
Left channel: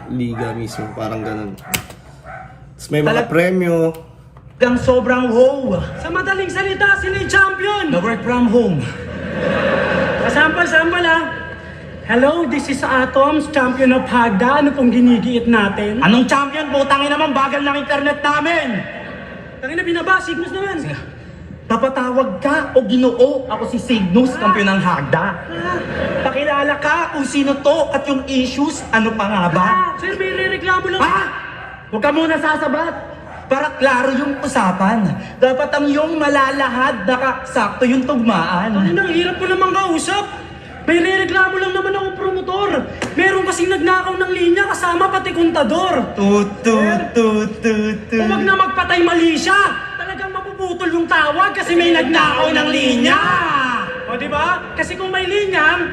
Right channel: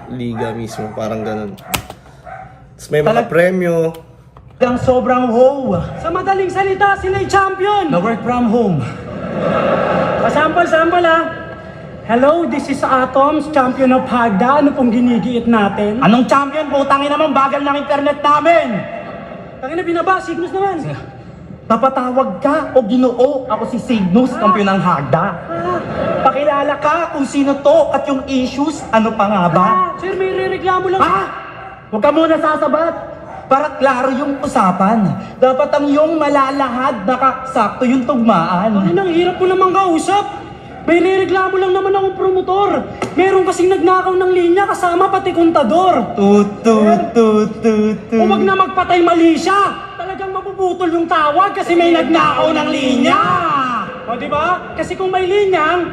liga mismo, parang ganun. Tapos may mga premyo. Lang sobrang wow. Sa madaling salita, sila yung champion. Na work from home. Sample ha. Hello, this is Atoms, champion of Hagda. Ano pong ginigiit natin? Anong champion? Putangin naman, bagal ng internet namin! Tangina, binaba, Signus naman. Napatawag ka o ginoo? Ako si Cygnus, kampiyon ng Hagda. Pakilala ka kung sino to at yung issues, ano pa nga ba? Sir, may rereklamo lang. Ha? Huwag ka muna sasabat. Para klaro yung usapan. Dapat ang iyong malalahad, nakasakto yung tugmaan. Tangina, ang hirap ko namang kausap. May rereklamo lang naman akong promotor. Meron kasing nagnakaw ng linya kasama pati kontador. Tut. Huwag na magpatay mali siya. Talagang mapuputol yung tawag kasi may nagnakaw ng linya. O di ba? Kasi kung may linyang,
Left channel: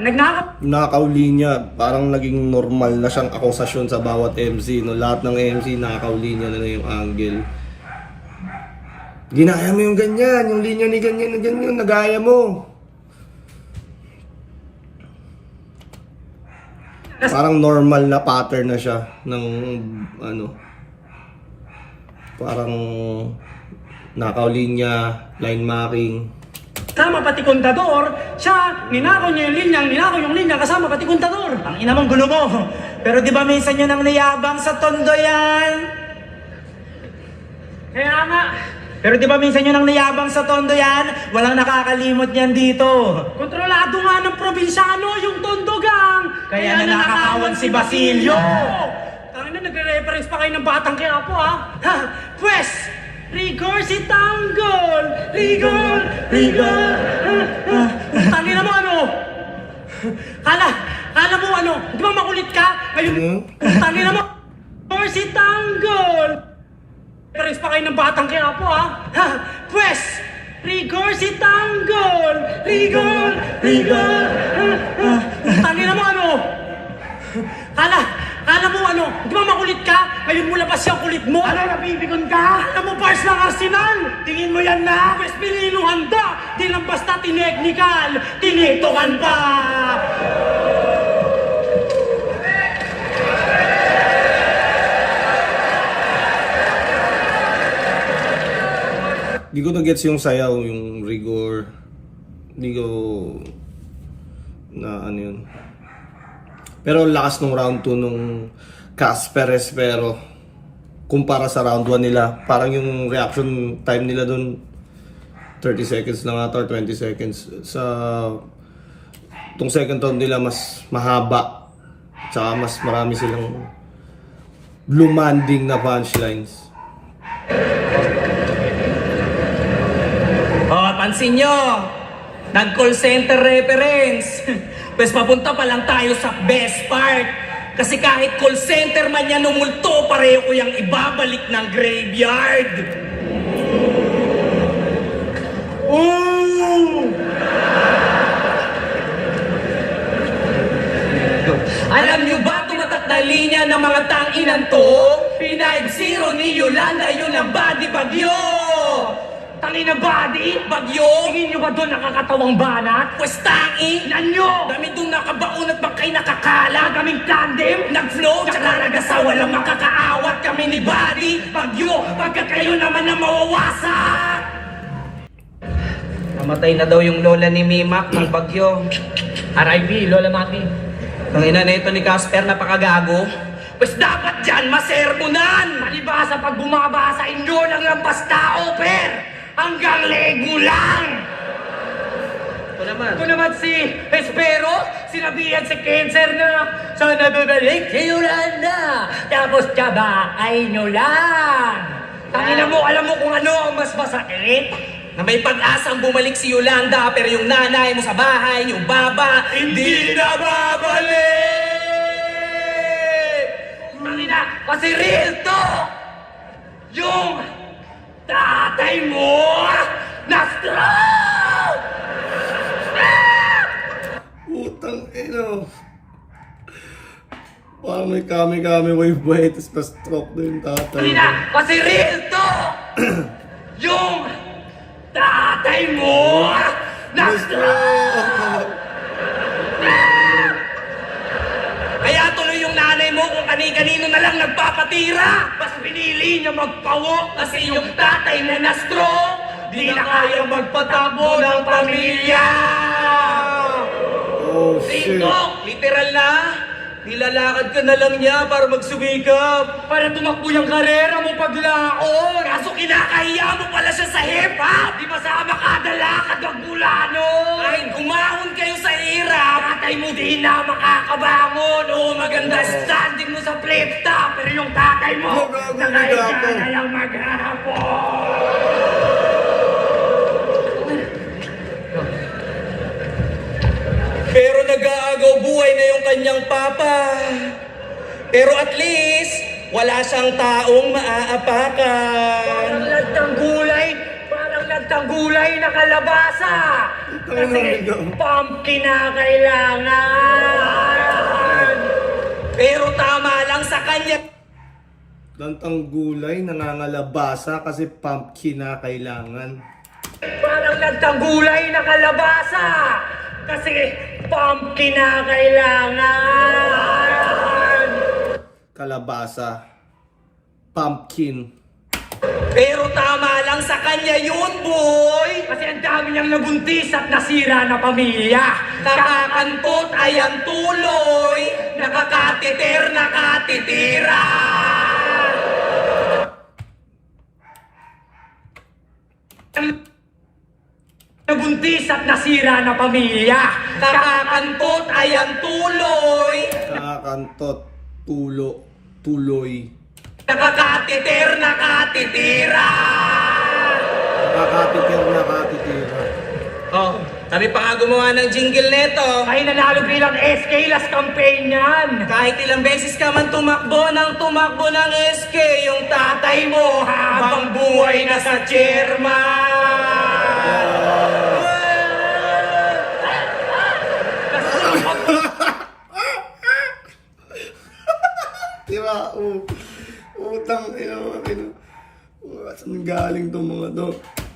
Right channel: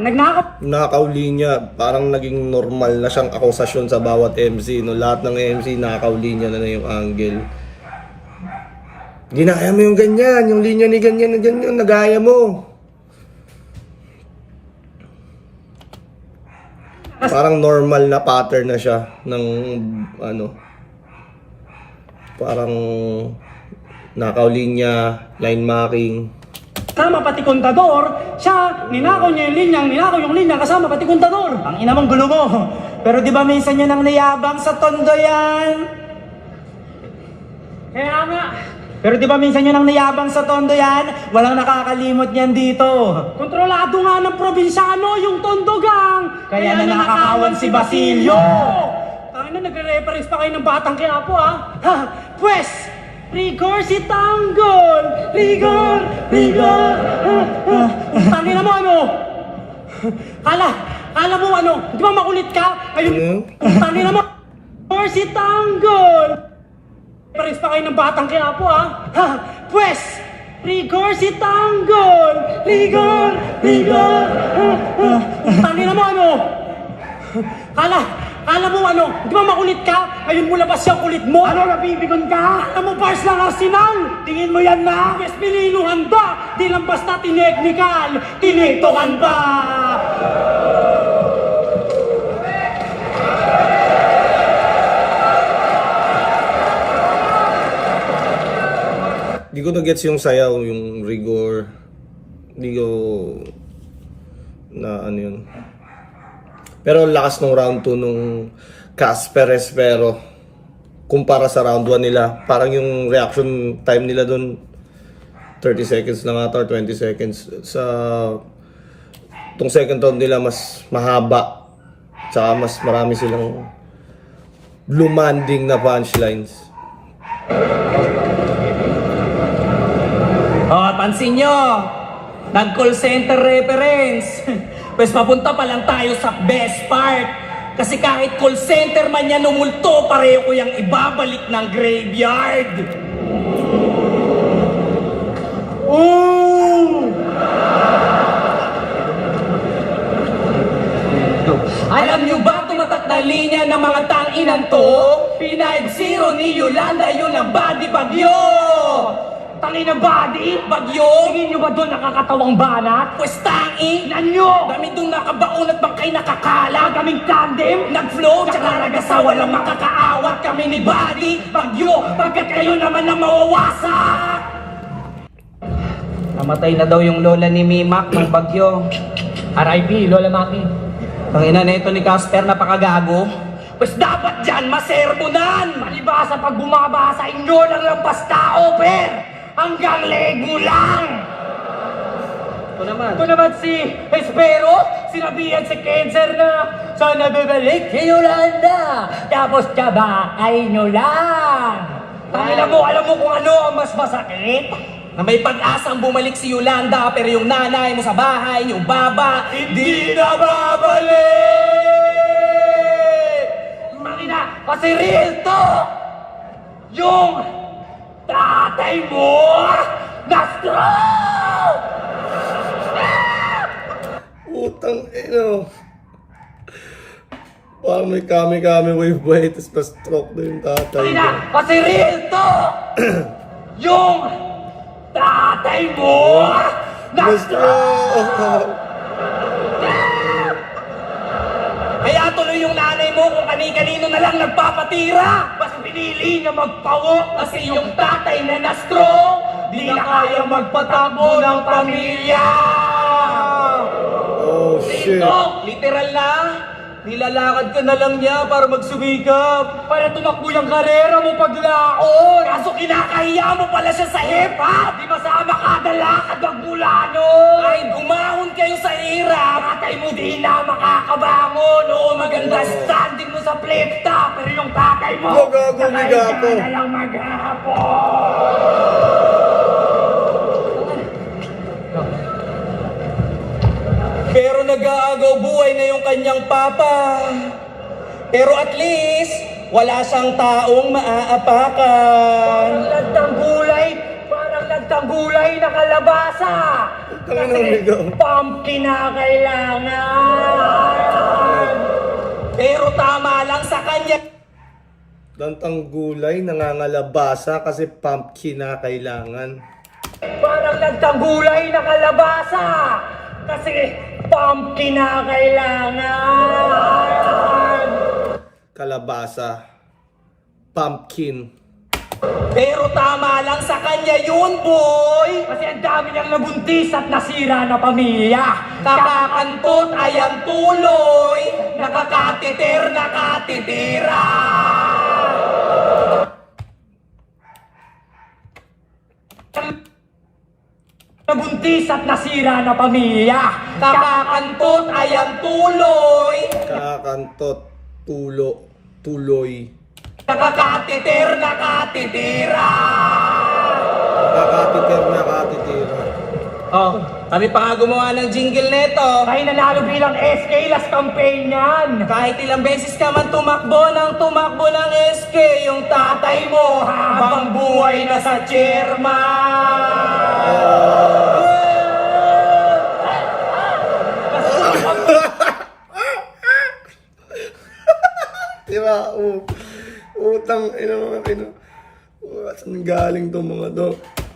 nagnakaw. Nakaw linya, parang naging normal na siyang akusasyon sa bawat MC, no? Lahat ng MC nakaw linya na yung angle. Ginaya mo yung ganyan, yung linya ni ganyan, nagaya mo. Parang normal na pattern na siya ng ano, parang nakaw linya, line marking. Kasama pati kontador, siya, ninakaw niya yung linyang, ninakaw yung linya kasama pati kontador. Ang ina mong gulo mo. Pero di ba minsan yun ang nayabang sa tondo yan? Kaya nga, Pero di ba minsan yun ang nayabang sa tondo yan? Walang nakakalimot yan dito. kontrolado nga ng probinsyano yung tondogang. Kaya na nakakawan si Basilio. Tangina, nagre-reference pa kayo ng Batang Quiapo, ha? Pwes, rigor si Tanggol! Rigor! Tangina mo ano? Kala mo ano? Di ba makulit ka? Ayun, tangina mo! Rigor si Tanggol! Reference pa kayo ng Batang Quiapo, ha? Pwes, rigor si Tanggol! Rigor! Tangina mo ano? Kala mo ano? Di ba makulit ka? Ayun mo labas yung kulit mo. Ano, napipikon ka? Alam mo, bars ng Arsenal. Tingin mo yan na? Pwes pinino handa. Di lang basta tineknikal. Tinitokan pa. Di ko na-gets yung sayaw, yung rigor. Di ko na ano yun. Pero lakas nung round 2 nung Casper Espero kumpara sa round 1 nila. Parang yung reaction time nila dun 30 seconds lang ata or 20 seconds. Sa tong second round nila mas mahaba. Tsaka mas marami silang lumanding na punchlines. Pansin nyo, nag-call center reference. Pues papunta pa lang tayo sa best part. Kasi kahit call center man yan umulto, pareho ko yung ibabalik ng graveyard. Alam nyo ba tumatak na linya ng mga tanginan to? P90 ni Yolanda, yun ang body bagyo! Tangina body. Bagyo! Tingin nyo ba doon nakakatawang banat? Pwes tangi! Nanyo! Dami doon nakabaon at bangkay nakakala. Kaming tandem. Nag-flow, tsaka nagasa, walang makakaawat kami ni Buddy. Bagyo, pagkat kayo naman ang mawawasak! Namatay na daw yung lola ni Mimak ng bagyo. RIP, Lola Maki. Ang ina na ito ni Casper, napakagago. Pues dapat dyan masermonan! Palibasa pag bumaba sa inyo lang basta over. Hanggang lego lang. Ito naman si Espero, sinabihan si Cancer na sana babalik si Yolanda. Tapos tsabaay nyo lang. Tangina mo, alam mo kung ano ang mas masakit? Na may pag-asang bumalik si Yolanda pero yung nanay mo sa bahay, yung baba, hindi na babalik! Tangina, kasi real to. Yung tatay mo na-stroke! Putang ino. Parang may kami-kami wave boy, tapos na-stroke na yung tatay. Tangina, kasi real to. Yung tatay mo na-stroke! Na-stroke! Kaya tuloy yung nanay mo kung kani-kanino na lang nagpapatira. Mas pinili niya magpawo Kasi yung tatay mo na-stroke, di na kaya magpatakbo ng pamilya. Oh, shit. TikTok, literal na. Nilalakad ka na lang niya para magsumikap. Para tumakbo yung karera mo paglaon. Kaso kinakahiya mo pala siya sa hip-hop. Di masama kada lakad ang bulano. Ay, gumahon kayo sa hirap. Tatay mo di na makakabangon. Oo, maganda standing mo sa flip top. Pero yung tatay mo, Magago, migapo. na lang maghapon. Pero nag-aagaw buhay na yung kanyang papa. Pero at least, wala siyang taong maaapakan. Parang lantang gulay na kalabasa. Tangin na, migaw. Pumpkin na kailangan. Pero tama lang sa kanya. Lantang gulay, nangangalabasa kasi pumpkin na kailangan. Parang lantang gulay na kalabasa. Kasi pumpkin na kailangan. Kalabasa. Pumpkin. Pero tama lang sa kanya yun, boy. Kasi ang dami niyang nabuntis at nasira na pamilya. Kakakantot ay ang tuloy. Nakakatiter, nakatitira. Nabuntis at nasira na pamilya. Kakakantot ay ang tuloy. Kakantot. Tuloy. Nakakatiter, nakatitira. Nakatitir. Oh, kami pa nga gumawa ng jingle neto. Kaya nanalo bilang SK last campaign yan. Kahit ilang beses ka man tumakbo ng SK, yung tatay mo habang buhay na sa chairman. Tira, utang, saan galing tong mga to?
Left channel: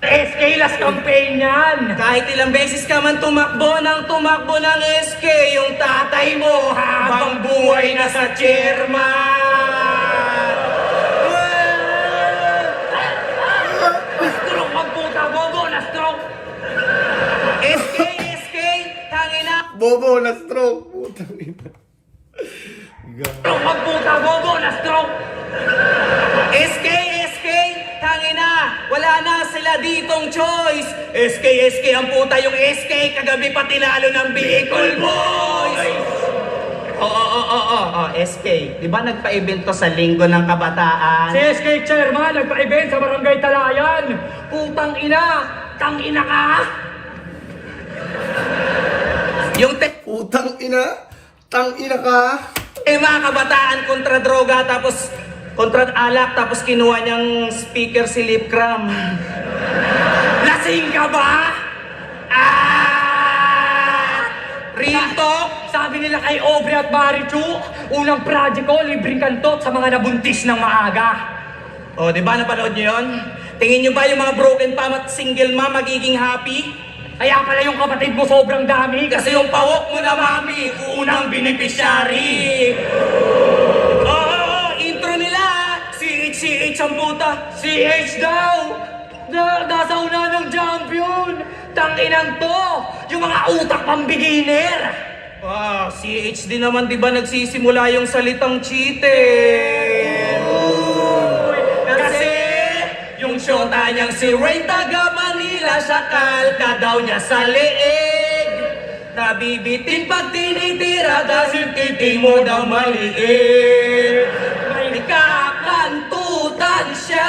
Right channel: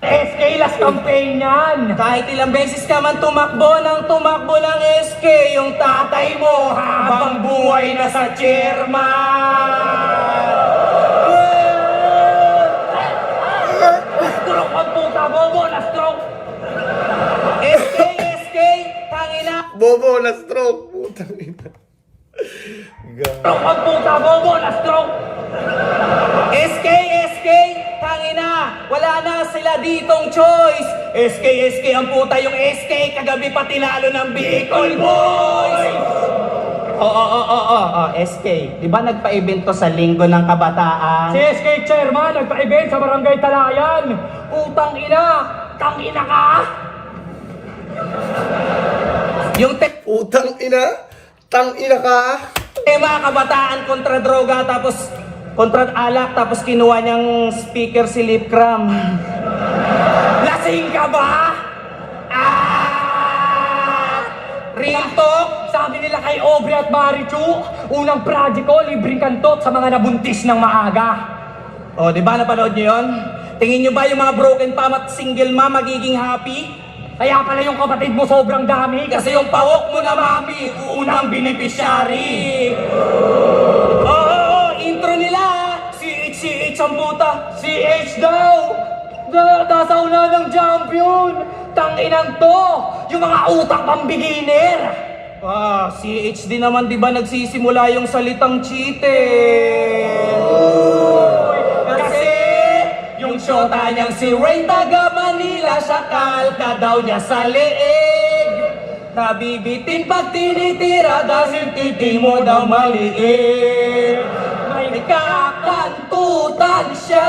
SK last campaign yan. Kahit ilang beses ka man tumakbo ng SK, yung tatay mo habang buhay na sa chairman. Stroke ang puta, bobo na stroke. SK, tangina. Bobo na stroke. Putang ina. Stroke ang puta, bobo na stroke. SK, tangina. Wala na sila ditong choice. SK, ang puta yung SK. Kagabi pa tinalo ng Bicol Boys. Oo, SK. Di ba nagpa-event to sa Linggo ng Kabataan? Si SK chairman nagpa-event sa Barangay Talayan. Putang ina, tangina ka. Yung Utang ina. Tang ina ka. tema kabataan kontra droga tapos kontra alak tapos kinuha niyang speaker si Lip Cram. Lasing ka ba? Real talk. Sabi nila kay Aubrey at Marichu, unang project ko, libreng kantot sa mga nabuntis ng maaga. O, di ba napanood niyo yun? Tingin niyo ba yung mga broken mom at single mom magiging happy? Kaya pala yung kapatid mo sobrang dami. Kasi yung pawok mo na mami, unang beneficiary. Oo, intro nila. CH ang puta. CH daw! Nasa una ng champion! Tanginan to! Yung mga utak pang beginner! CH din naman, di ba nagsisimula yung salitang cheater? Kasi yung syota niyang si Rain taga Manila, sakal ka daw niya sa leeg. Nabibitin pag tinitira dahil titi mo daw maliit. May kakantutan siya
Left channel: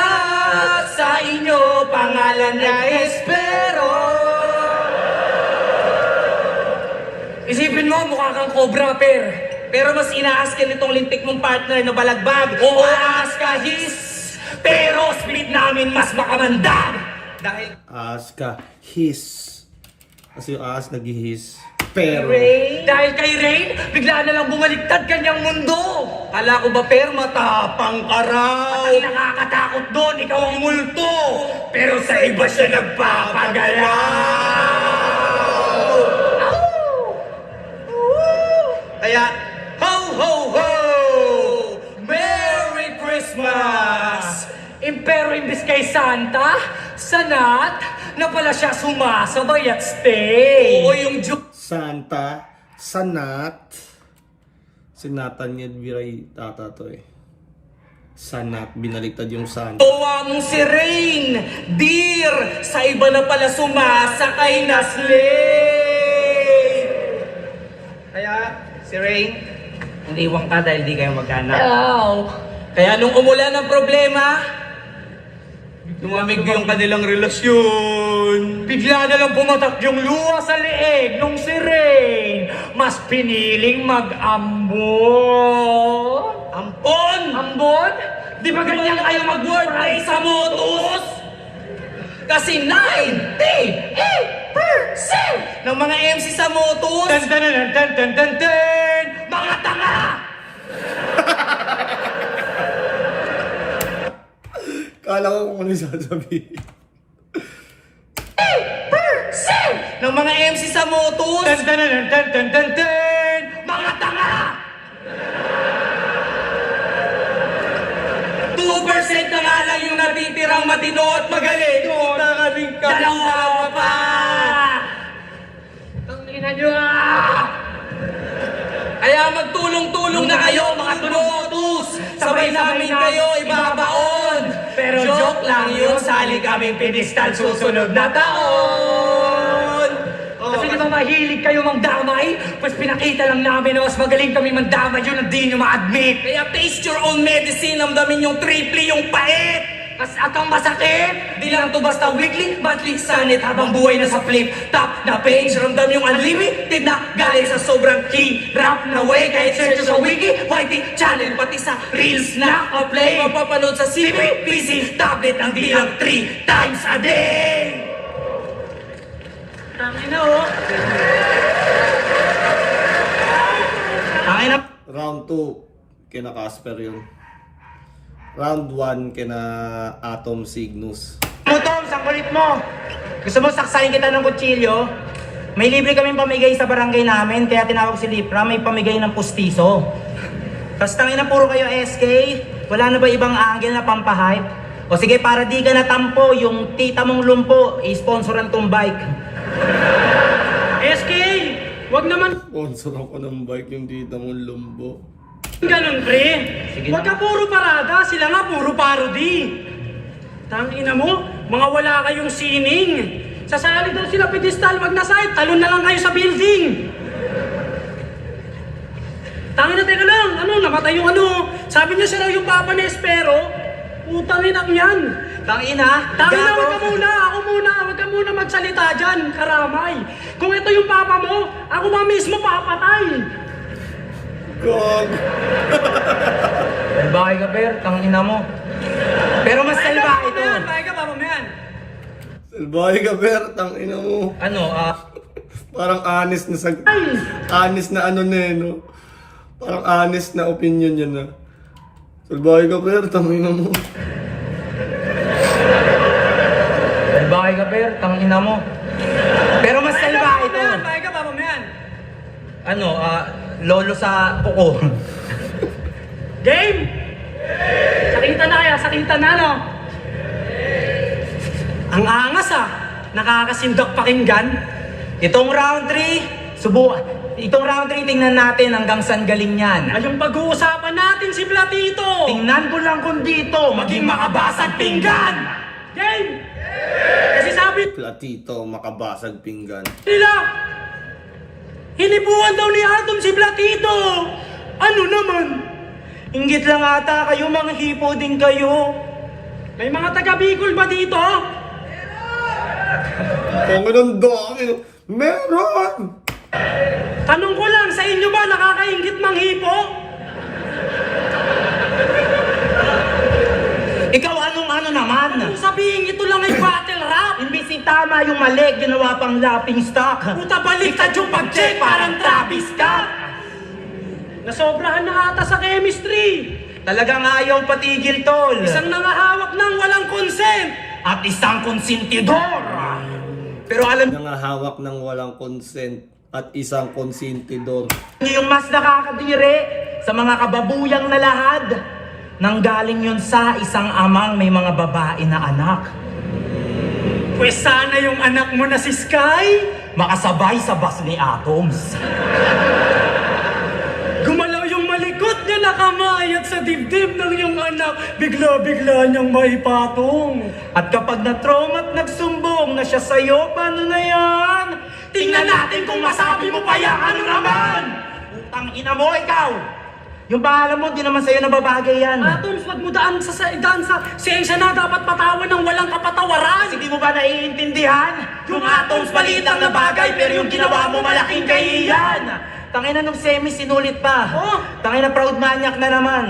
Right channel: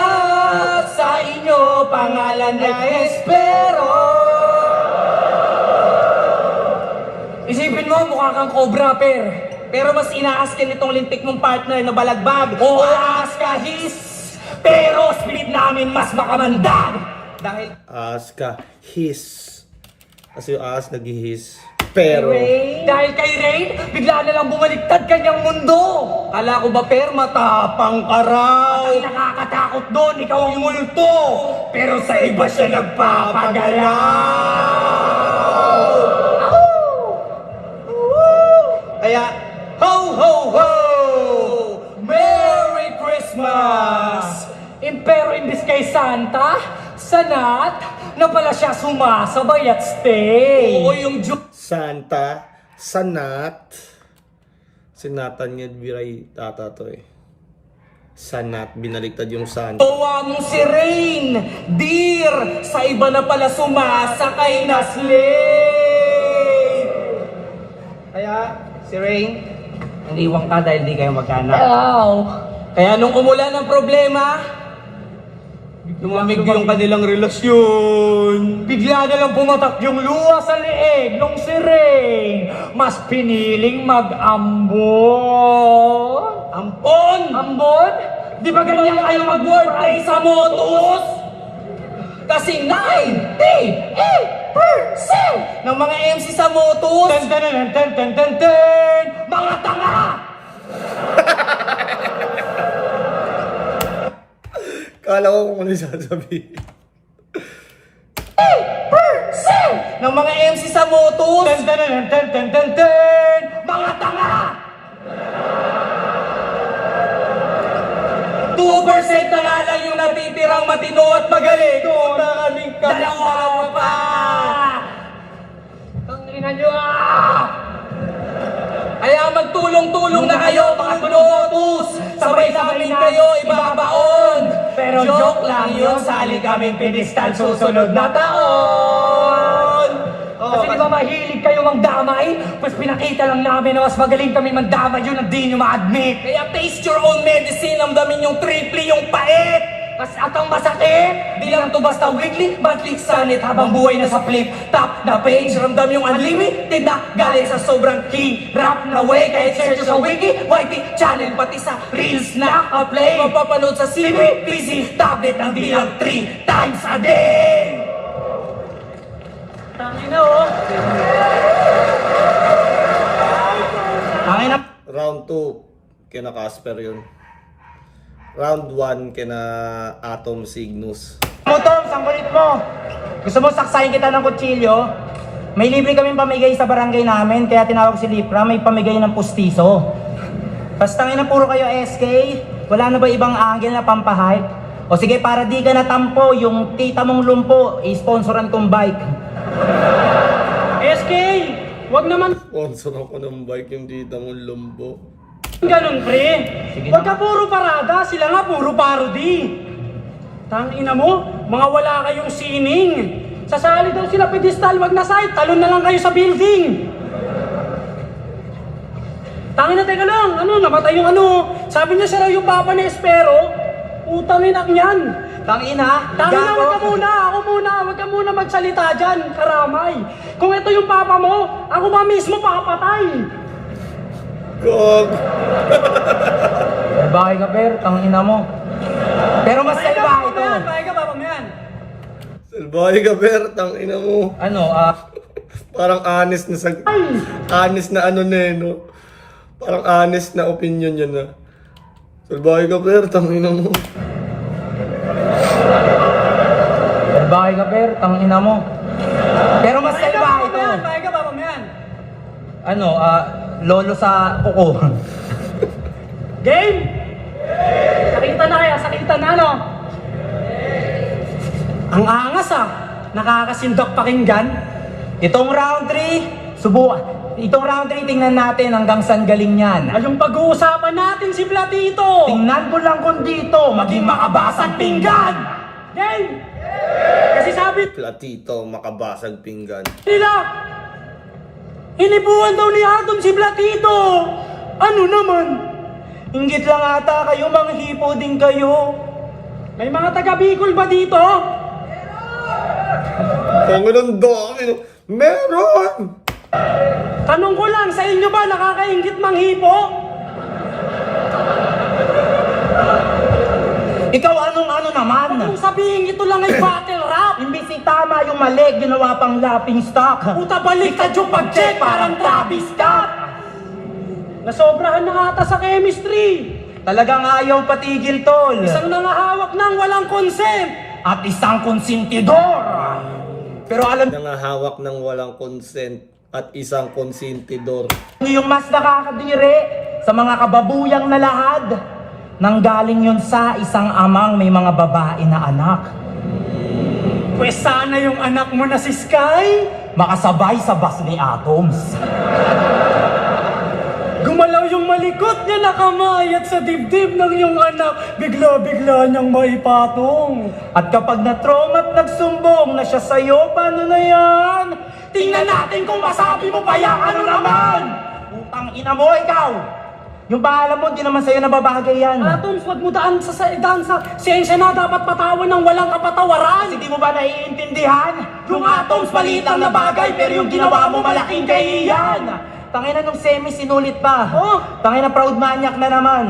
sa inyo, pangalan ay Espero. Isipin mo, mukha kang cobra, per. Pero mas inaas ka nitong lintik mong partner na balagbag. Oo, aas ka, his! Pero split namin mas makamandag! Dahil As ka. His. Kasi yung as nag-his. Pero. Dahil kay Rain, bigla na lang bumaliktad kanyang mundo! kala ko ba per matapang ka raw? Ang nakakatakot doon, ikaw ang multo! Pero sa iba siya nagpapagalaw! Kaya, ho ho ho! Merry Christmas! Pero imbis kay Santa, sanat na pala siya sumasabay at stay. Oo, yung Diyos Santa Sanat. Si Nathaniel Viray tata to eh. Sanat, binaliktad yung san. Owa mo si Rain, dear, sa iba na pala sumasakay na slave. Kaya, si Rain, iniwan ka dahil di kayo magkaanak. Kaya nung umulan ng problema, Lumamig yung kanilang relasyon. Bigla na lang pumatak yung luha sa leeg nung si Rain. Mas piniling mag-ambon. ampon! Ambon? Di ba ganyan kayo mag-wordplay sa motos? Kasi 98% ng mga MC sa motos, Tan tan tan tan tan tan tan. Mga tanga! Kala ko kung ano yung sasabihin. ng mga MC sa motos, Tan tan tan tan tan tan tan. Mga tanga! 2% na nga lang yung natitirang matino at magaling. Dalawa pa! Ang ina nyo ah! Kaya magtulong-tulong na kayo mga tunotos. Sabay namin kayo ibabaon. Pero joke lang yun, sali kaming pedestal susunod na taon. Kasi di ba mahilig kayo magdamay? Mas pinakita lang namin na mas magaling kami mandamay, yun ang di nyo ma-admit. Kaya taste your own medicine, amdamin yung triple, yung pait. Kas atang masakit! Di lang to basta weekly, monthly, sanit habang buhay na sa flip. Top na page, ramdam yung unlimited na galing sa sobrang hirap na way. Kahit search sa wiki, YT channel, pati sa reels na play. Mapapanood sa CP, PC, tablet ng bilang 3 times a day. Tangina oh! Tangin na, Round 2, kina Casper yun. Round 1, kina Atom Cygnus. mo Tom, ang kulit mo. Gusto mo saksayin kita ng kutsilyo? May libre kaming pamigay sa barangay namin, kaya tinawag si Lipra, may pamigay ng pustiso. Tapos tangin na puro kayo SK, wala na ba ibang angle na pampahype? O sige, para di ka natampo, yung tita mong lumpo, i-sponsoran kong bike. SK! Wag naman Sponsor ako ng bike yung tita mong lumbo. ganun, pre! Sige Wag na. ka puro parada, sila nga puro parody! Tangina mo, mga wala kayong sining! Sasali daw sila pedestal, wag na side, talon na lang kayo sa building! Tangina, teka lang, ano, namatay yung ano, sabi niya siya raw yung papa ni Espero, utang inak niyan! Tangina, Tangina, gago. wag ka muna magsalita dyan, karamay! Kung ito yung papa mo, ako ba mismo papatay! Gog! Bahay ka, Per, tangina mo. Pero mas salba ito. Bahay ka, papa mo yan! Salbahe ka, Ber, tangina mo. Ano, Parang honest na Ay! honest na ano na eh, no? Parang honest na opinion yan na. Salbahe ka, Ber, tangina mo. bahay ka, Per, tangina mo. Pero mas salba ito. Bahay ka, papa mo yan! Ano, lolo sa kuko. Game! Sakitan na kaya, sakitan na, no? Ang angas ah! Nakakasindok pakinggan. Itong round 3, Itong round 3, tingnan natin hanggang saan galing yan. Ay, yung pag-uusapan natin si Platito! Tingnan ko lang kung dito, maging makabasag pinggan. Game! Kasi sabi Platito, makabasag pinggan. nila, hinipuan daw ni Atom si Platito! Ano naman? Inggit lang ata kayo, manghipo din kayo. May mga taga-Bicol ba dito? Panginoon dami, no? Meron! Tanong ko lang, sa inyo ba nakakaingit manghipo? Ikaw anong ano naman? Kung sabihin ito lang ay battle rap, Imbis si tama yung mali, ginawa pang lapping stock. puta baliktad yung pag-check parang Travis Scott! Nasobrahan na ata sa chemistry! Talagang ayaw patigil, tol. Isang nangahawak ng walang consent! At isang konsentidor. Pero alam Nangahawak ng walang consent at isang konsentidor. niyo yung mas nakakadiri sa mga kababuyang na lahad. Nanggaling yun sa isang amang may mga babae na anak. Pwes sana yung anak mo na si Sky, makasabay sa bus ni Atoms. Gumalaw yung malikot niya na kamay at sa dibdib ng iyong anak, bigla-bigla niyang maipatong. At kapag na-trauma at nagsumbong na siya sa'yo, paano na yan? Tingnan natin kung masabi mo pa yan, ano naman? Putang ina mo, ikaw! Yung pangalan mo, di naman sa'yo nababagay yan. Atoms, wag mo daan sa siyensya na dapat patawan ng walang kapatawaran. Kasi di mo ba naiintindihan? Yung atoms maliit lang na bagay, pero yung ginawa mo malaking kahihiyan. Tangina nung semi sinulit pa. Oh. Tangina proud maniac na naman.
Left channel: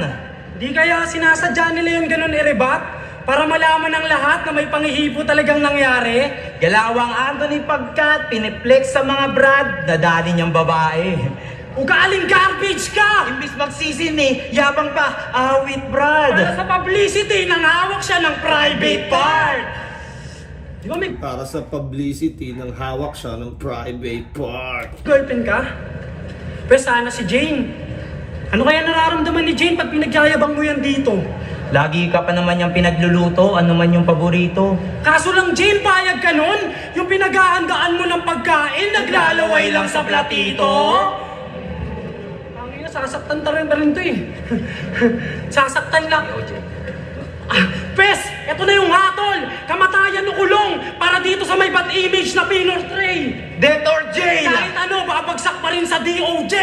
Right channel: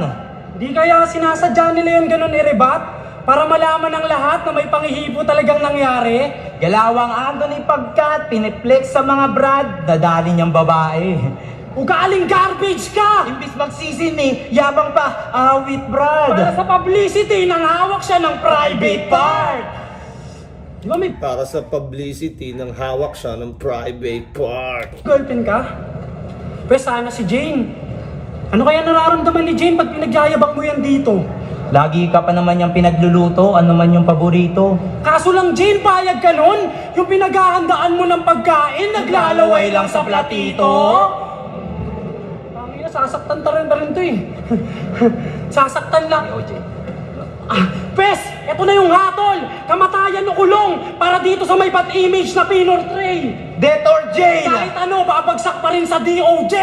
Di kaya sinasadya nila yung ganun i-rebat? Para malaman ng lahat na may pangihipo talagang nangyari? Galawang Anthony pagkat piniplex sa mga brad, nadali niyang babae. Ugaling garbage ka! Imbis magsisini, yabang pa, awit Para brad. sa publicity, nanghawak siya ng private part! Di ba may Para sa publicity, nang hawak siya ng private part. girlfriend ka? Pwes sana si Jane. Ano kaya nararamdaman ni Jane pag pinagyayabang mo yan dito? Lagi ka pa naman yung pinagluluto, ano man yung paborito. Kaso lang Jane, payag ka nun? Yung pinaghahandaan mo ng pagkain, naglalaway lang sa platito? Pangina, sasaktan ta rin to eh. Sasaktan lang. Pes, eto na yung hatol! Kamatayan o kulong para dito sa may bad image na pinortray! Death or jail! Kahit ano, babagsak pa rin sa DOJ!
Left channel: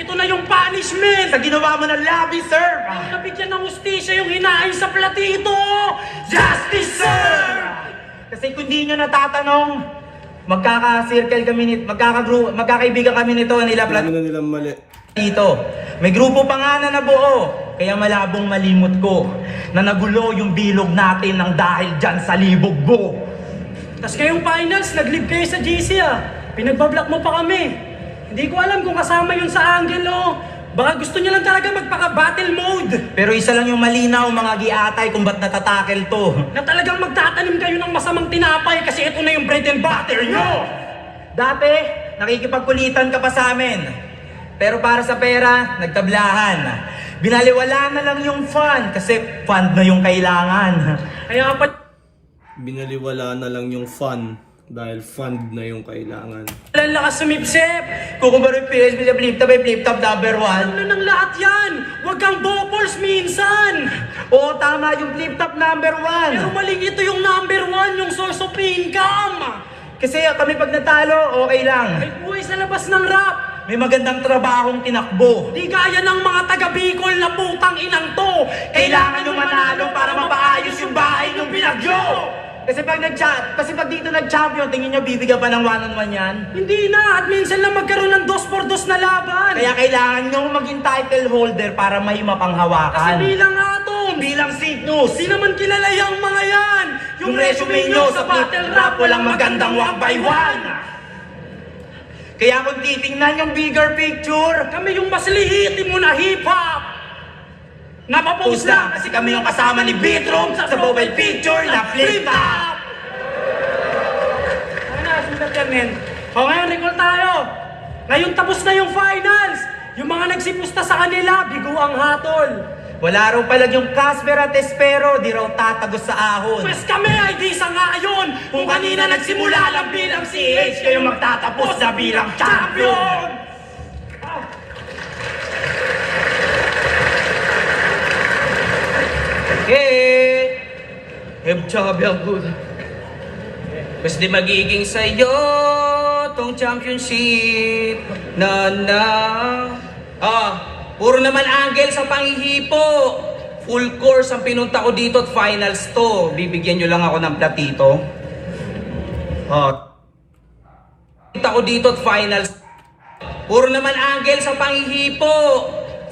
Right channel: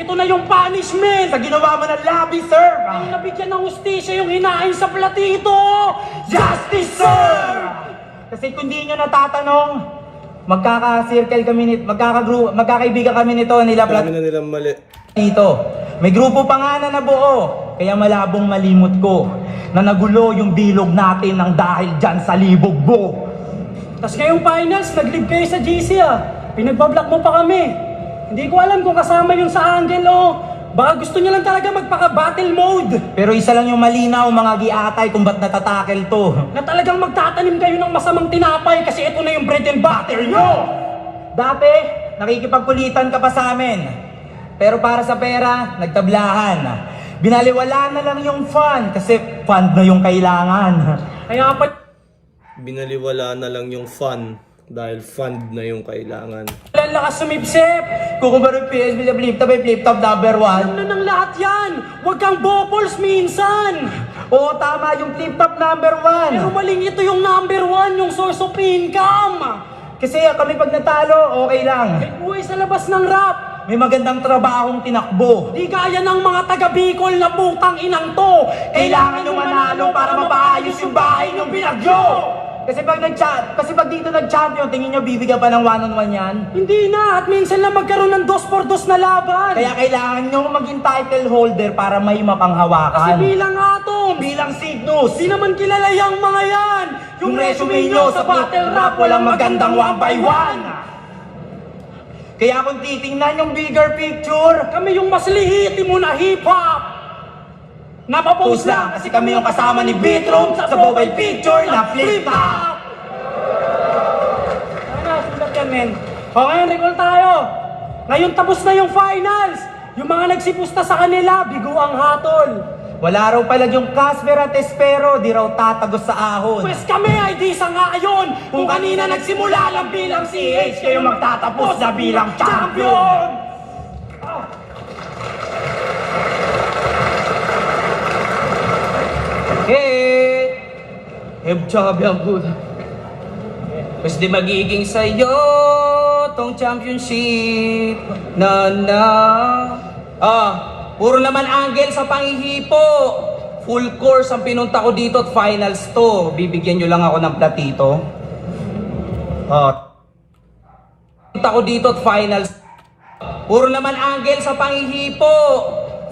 Ito na yung punishment! Sa ginawa mo ng lobby, sir! Ang nabigyan ng hustisya yung hinain sa platito! Justice, sir! Kasi kung di nyo natatanong, magkaka-circle kami nito, magkakaibigan kami nito nila Dami na nilang mali. dito. May grupo pa nga na nabuo, kaya malabong malimot ko na nagulo yung bilog natin ng dahil dyan sa libog mo. Tapos ngayong finals, nag-live kayo sa GC ah. Pinagbablock mo pa kami. Hindi ko alam kung kasama yun sa angle o baka gusto niya lang talaga magpaka-battle mode. Pero isa lang yung malinaw mga giatay kung ba't natatakel to. Na talagang magtatanim kayo ng masamang tinapay kasi ito na yung bread and butter nyo. Dati, nakikipagkulitan ka pa sa amin. Pero para sa pera, nagtablahan. Binaliwala na lang yung fun kasi fund na yung kailangan. Kaya pa Binaliwala na lang yung fun dahil fund na yung kailangan. ang lakas sumipsip. Kung kumpara yung PSB sa flip top number 1. Ano ng lahat yan? Huwag kang bopols minsan. Oo, tama yung flip top number 1. Pero maling ito yung number 1, yung source of income. Kasi kami pag natalo, okay lang. May buhay sa labas ng rap. May magandang trabahong tinakbo. Di gaya ng mga taga-Bicol na putang inang to. Kailangan nyo manalo para mapaayos yung bahay ng binagyo! Kasi pag dito nag-champion, tingin nyo bibigyan pa ng one-on-one yan? Hindi na, at minsan lang magkaroon ng 2-4-2 na laban. Kaya kailangan nyo maging title holder para may Kasi mapanghawakan. bilang atom, Bilang Cygnus, di naman kilala yung mga yan. yung resume nyo sa battle rap walang magandang 1x1. Kaya kung titingnan yung bigger picture, Kami yung mas lihitimo na hip-hop. Napapost post lang kasi kami yung kasama ni Beatroom sa profile picture na flip top. Ano, sundan yan, men. O ngayon, recall tayo. Ngayon tapos na yung finals. Yung mga nagsipusta sa kanila, bigo ang hatol. Wala raw pala yung Casper at Espero, di raw tatagos sa ahon. Pwes kami ay di sa ngayon. Kung kanina nagsimula lang bilang CH, kayo magtatapos na bilang champion. Hebchabi ako. Kasi di magiging sa'yo tong championship puro naman angle sa panghihipo. Full course ang pinunta ko dito at finals to. Bibigyan nyo lang ako ng platito. Pinunta ko dito at finals. Puro naman angle sa panghihipo.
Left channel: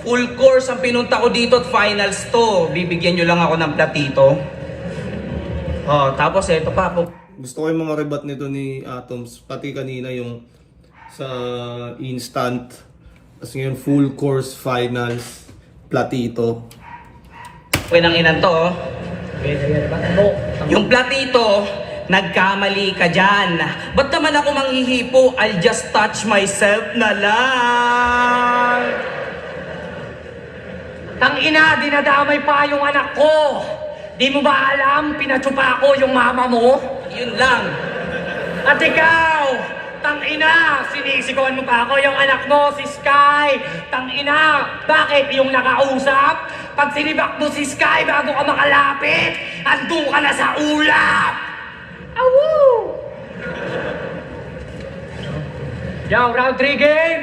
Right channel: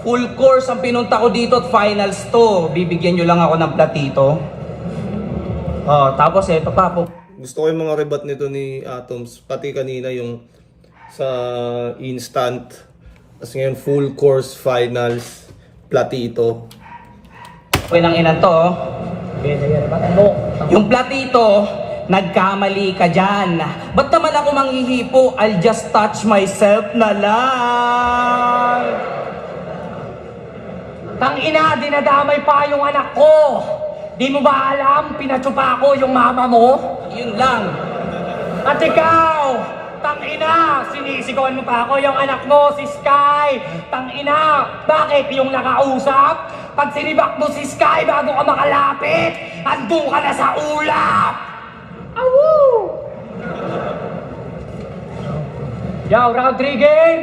Full course ang pinunta ko dito at finals to. Bibigyan nyo lang ako ng platito. Tapos eto pa po. Gusto ko yung mga rebat nito ni Atoms. Pati kanina yung sa instant. Tapos ngayon full course finals. Platito. Okay nang inan to. Yung platito, nagkamali ka dyan. Ba't naman ako manghihipo? I'll just touch myself na lang. Tangina, dinadamay pa yung anak ko. Di mo ba alam, pinatsupa ko yung mama mo? Yun lang. At ikaw, Tangina, sinisigawan mo pa ako yung anak mo, si Sky. Tangina, bakit yung nakausap? Pag sinibak mo si Sky bago ka makalapit, andun ka na sa ulap! Awu! Yo, round 3 game!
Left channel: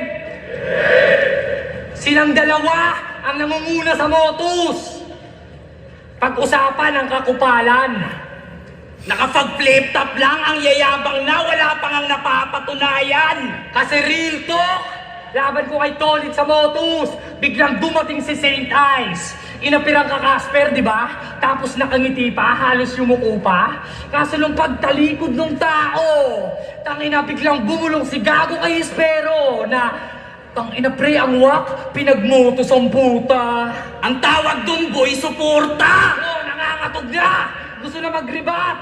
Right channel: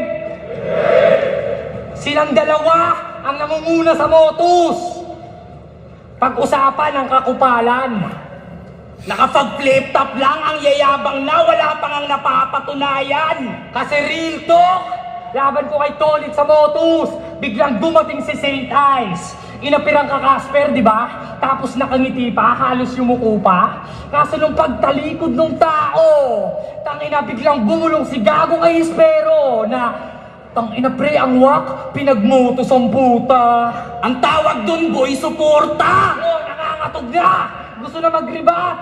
Silang dalawa ang nangunguna sa motus. Pag-usapan ang kakupalan. Nakapag-flip top lang ang yayabang na, wala pang ang napapatunayan. Kasi real talk, laban ko kay Tolit sa motus. Biglang dumating si St. Ice. Inapirang ka Casper, di ba? Tapos nakangiti pa, halos yumuko pa. Kaso nung pagtalikod ng tao, tangina biglang gumulong si Gago kay Espero na tangina pre, ang wak, pinagmotos ang puta. Ang tawag dun, boy, suporta. Oh, nangangatog na! Gusto na mag-rebat!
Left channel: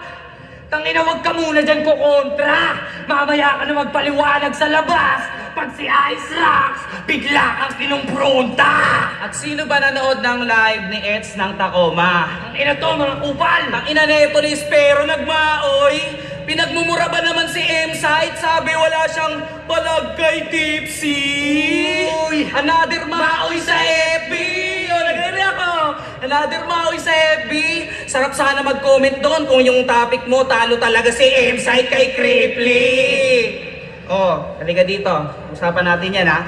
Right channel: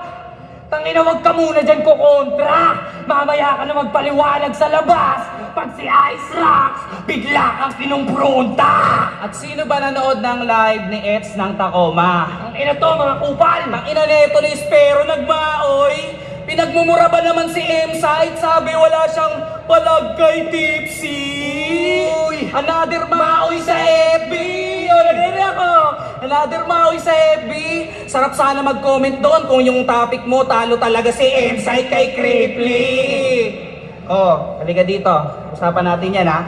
Tangina, wag ka muna dyan kukontra! Mamaya ka na magpaliwanag sa labas pag si Ice Rocks bigla kang pinumpronta! At sino ba nanood ng live ni Eds ng Tacoma? Ang ina to, mga kupal! Ang ina neto ni Espero nagmaoy. Pinagmumura ba naman si M-Site? Sabi wala siyang palag kay Tipsy. Uy, another maoy sa FB. O, nagre-react ako. Another maoy sa FB. Sarap sana mag-comment doon kung yung topic mo talo talaga si M-Site kay Cripply. Oh, halika dito. Usapan natin yan ha.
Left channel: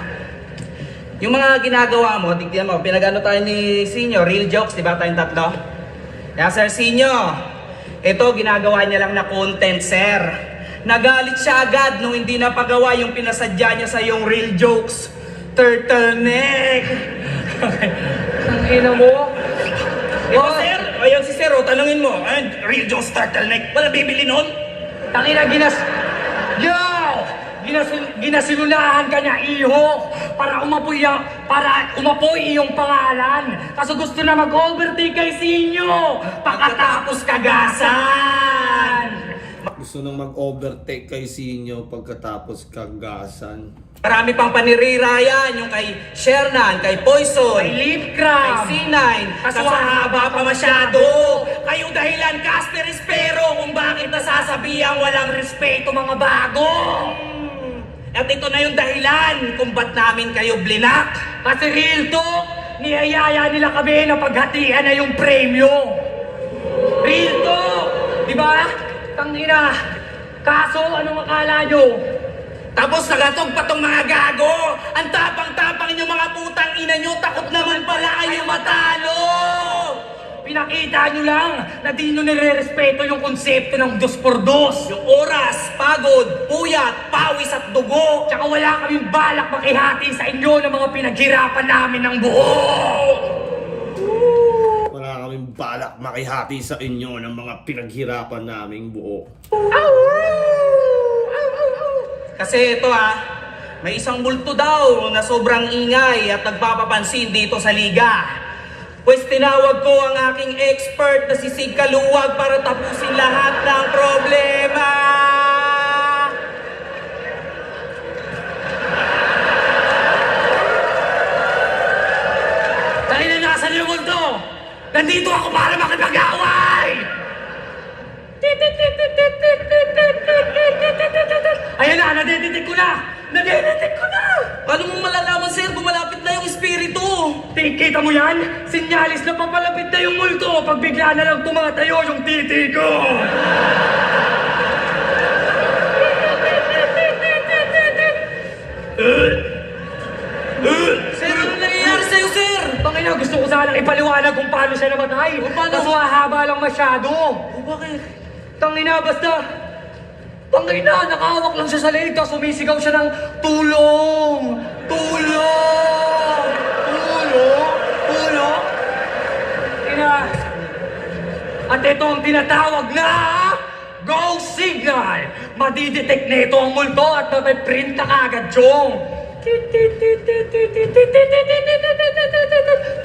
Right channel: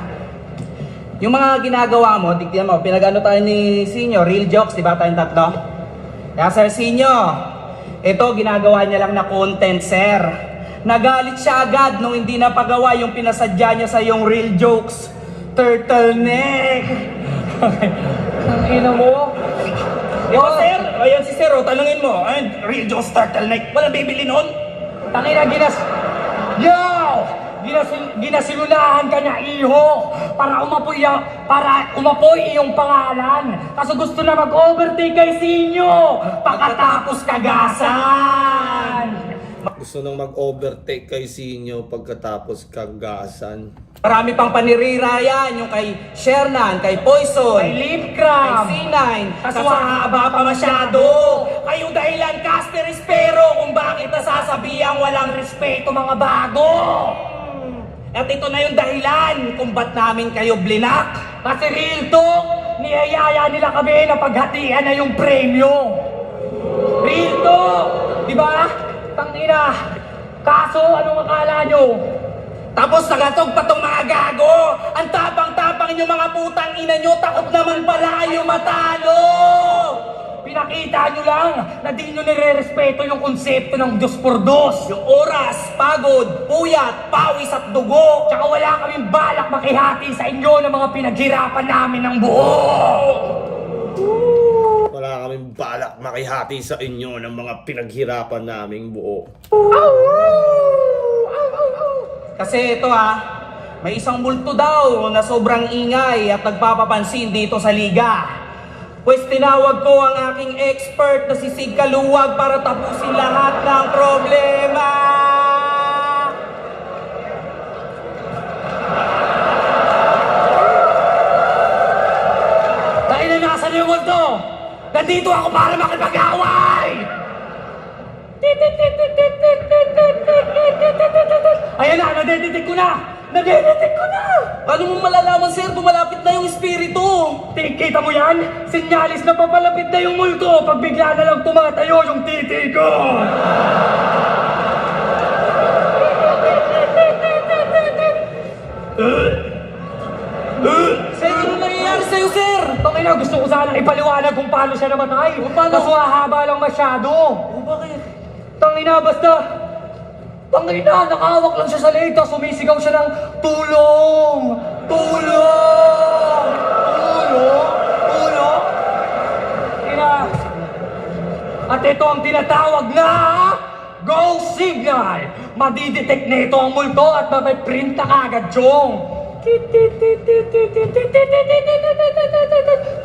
Yung mga ginagawa mo, tignan mo, pinag-ano tayo ni Sinyo, real jokes, di ba tayong tatlo? Kaya Sir Sinyo, ito ginagawa niya lang na content, sir. Nagalit siya agad nung hindi napagawa yung pinasadya niya sa yung real jokes. Turtleneck. Ang ina mo! Ito, sir. Ayun si Sir, tanungin mo. Real Joe's turtleneck. Wala bibili nun? Tangina, Yo! Ginasilunahan ka niya, iho! Para umapoy iyong pangalan! Kaso gusto na mag-overtake kay Sinyo! Pagkatapos kagasan! Gusto nang mag-overtake kay Sinyo pagkatapos kagasan. Marami pang panirira yan, yung kay Shernan, kay Poison, May lip kay cram! C9. Kaso haba pa masyado. Kayo dahilan, Casper Espero, kung bakit nasasabihan walang respeto mga bago. At ito na yung dahilan kung ba't namin kayo blinak. Kasi real talk, niyayaya nila kami na paghatian na yung premyo. Real talk! Di ba? Tangina! Kaso, anong akala nyo? Tapos nagatog pa tong mga gago. Ang tapang-tapang yung mga putang ina nyo, takot naman pala kayo matalo. Pinakita nyo lang na di nyo nire-respeto yung konsepto ng 2x2. Yung oras, pagod, puyat, pawis at dugo. Tsaka wala kaming balak makihati sa inyo ng mga pinaghirapan namin ng buo. Wala kaming balak makihati sa inyo ng mga pinaghirapan naming buo. Kasi ito may isang multo daw na sobrang ingay at nagpapapansin dito sa liga. Pues tinawag ko ang aking expert na si Sig Kaluwag para tapusin lahat ng problema. Dahil na nasa yung mundo, nandito ako para makipag-away! Ayan na, nadedetect ko na! Nadedetect ko na! Paano mo malalaman, sir, kung malapit na yung espiritu? Kita mo yan? Sinyalis na papalapit na yung multo pag bigla na lang tumatayo yung titi ko! Sir, ano nangyayari sa'yo, sir? Tangina, gusto ko sanang ipaliwanag kung paano siya namatay. Paano? Kaso hahaba lang masyado. Bakit? Tangina, basta... Tangina, nakahawak lang siya sa leeg, tapos sumisigaw siya ng tulong! Tulong! Tulong! Tulong! Tangina! At ito ang tinatawag na... Go Signal! Madidetect na ito ang multo at mapiprint na kagad, Chong!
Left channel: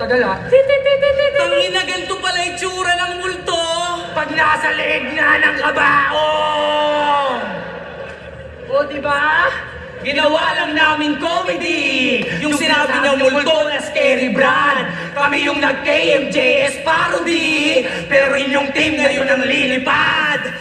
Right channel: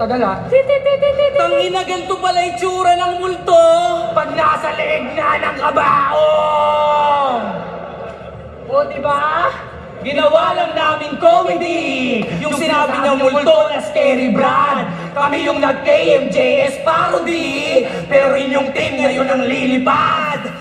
Tagal Tangina, ganito pala itsura ng multo. Pag nasa leeg nga ng kabaong! O, diba? Ginawa lang namin comedy! Yung sinabi niya multo na scary brand! Kami yung nag-KMJS parody! Pero inyong team ngayon ang lilipad!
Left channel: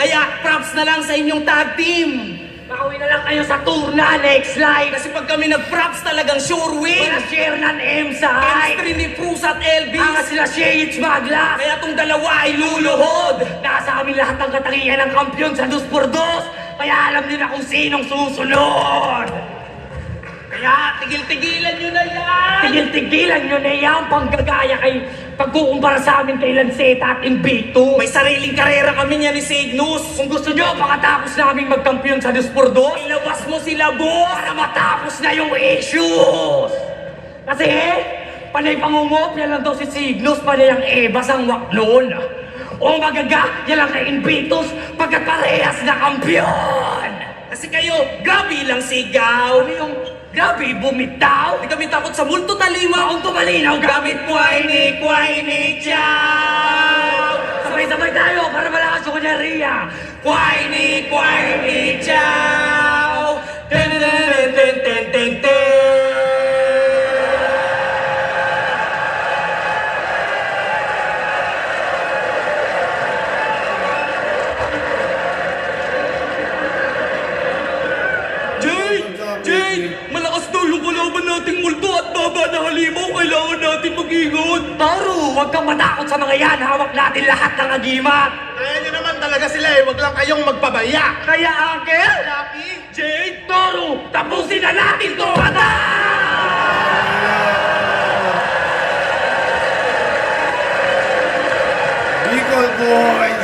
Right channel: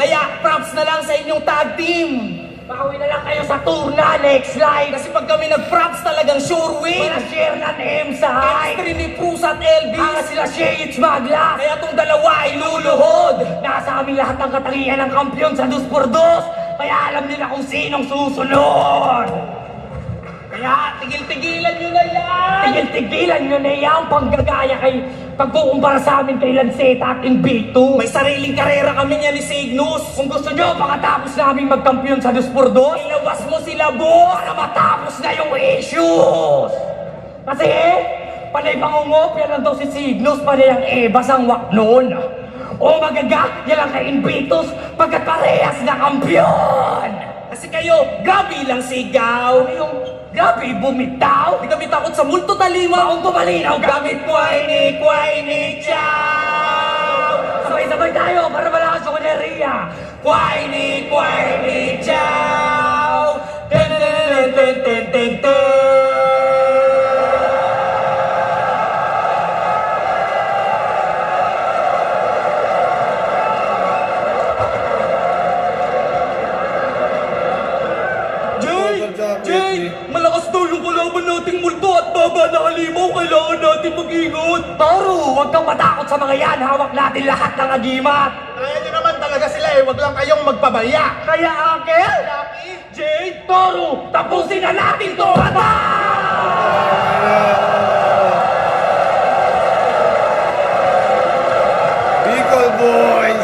Kaya props na lang sa inyong tag team. Bawi na lang kayo sa tour na next live. Kasi pag kami nag-props talagang sure win. Wala share ng M sa Chemistry ni Cruz at Elvis. Ang sila Shades Maglas. Kaya tong dalawa ay luluhod. Nasa amin lahat ng katangian ng kampiyon sa 2x2. Kaya alam nila kung sinong susunod. Kaya tigil-tigilan nyo na yan. Tigil-tigilan nyo na yan panggagaya kay pagkukumpara sa amin kay Lanceta at Invictus. May sariling karera kami niya ni Cygnus. Kung gusto nyo, makatapos namin magkampiyon sa 2x2, Ilabas mo sila, boss. para matapos na yung issues. Kasi, panay pangungopya lang daw si Cygnus, panay ang Evas ang wak noon. O magaga, yan lang kay Invictus, pagkat parehas na kampiyon. Kasi kayo, grabe lang sigaw. Yung grabe, bumitaw. Hindi kami takot sa multo talima. Maong tumalinaw, gamit mo ay Kway-ni, chow. sabay-sabay tayo para malakas yung kanyariya. Kway-ni, chow. Ten-ten-ten-ten-ten-ten. Jay! Malakas daw yung kalaban nating multo at baba na halimaw. Kailangan natin mag-ingot. Toro, huwag kang matakot sa mga yan. Hawak natin lahat ng agimat. Kaya nyo naman talaga sila eh, wag lang kayong magpabaya. Kaya, Uncle, Jay! Toro, tapusin na natin to. Kata! Bicol Boys!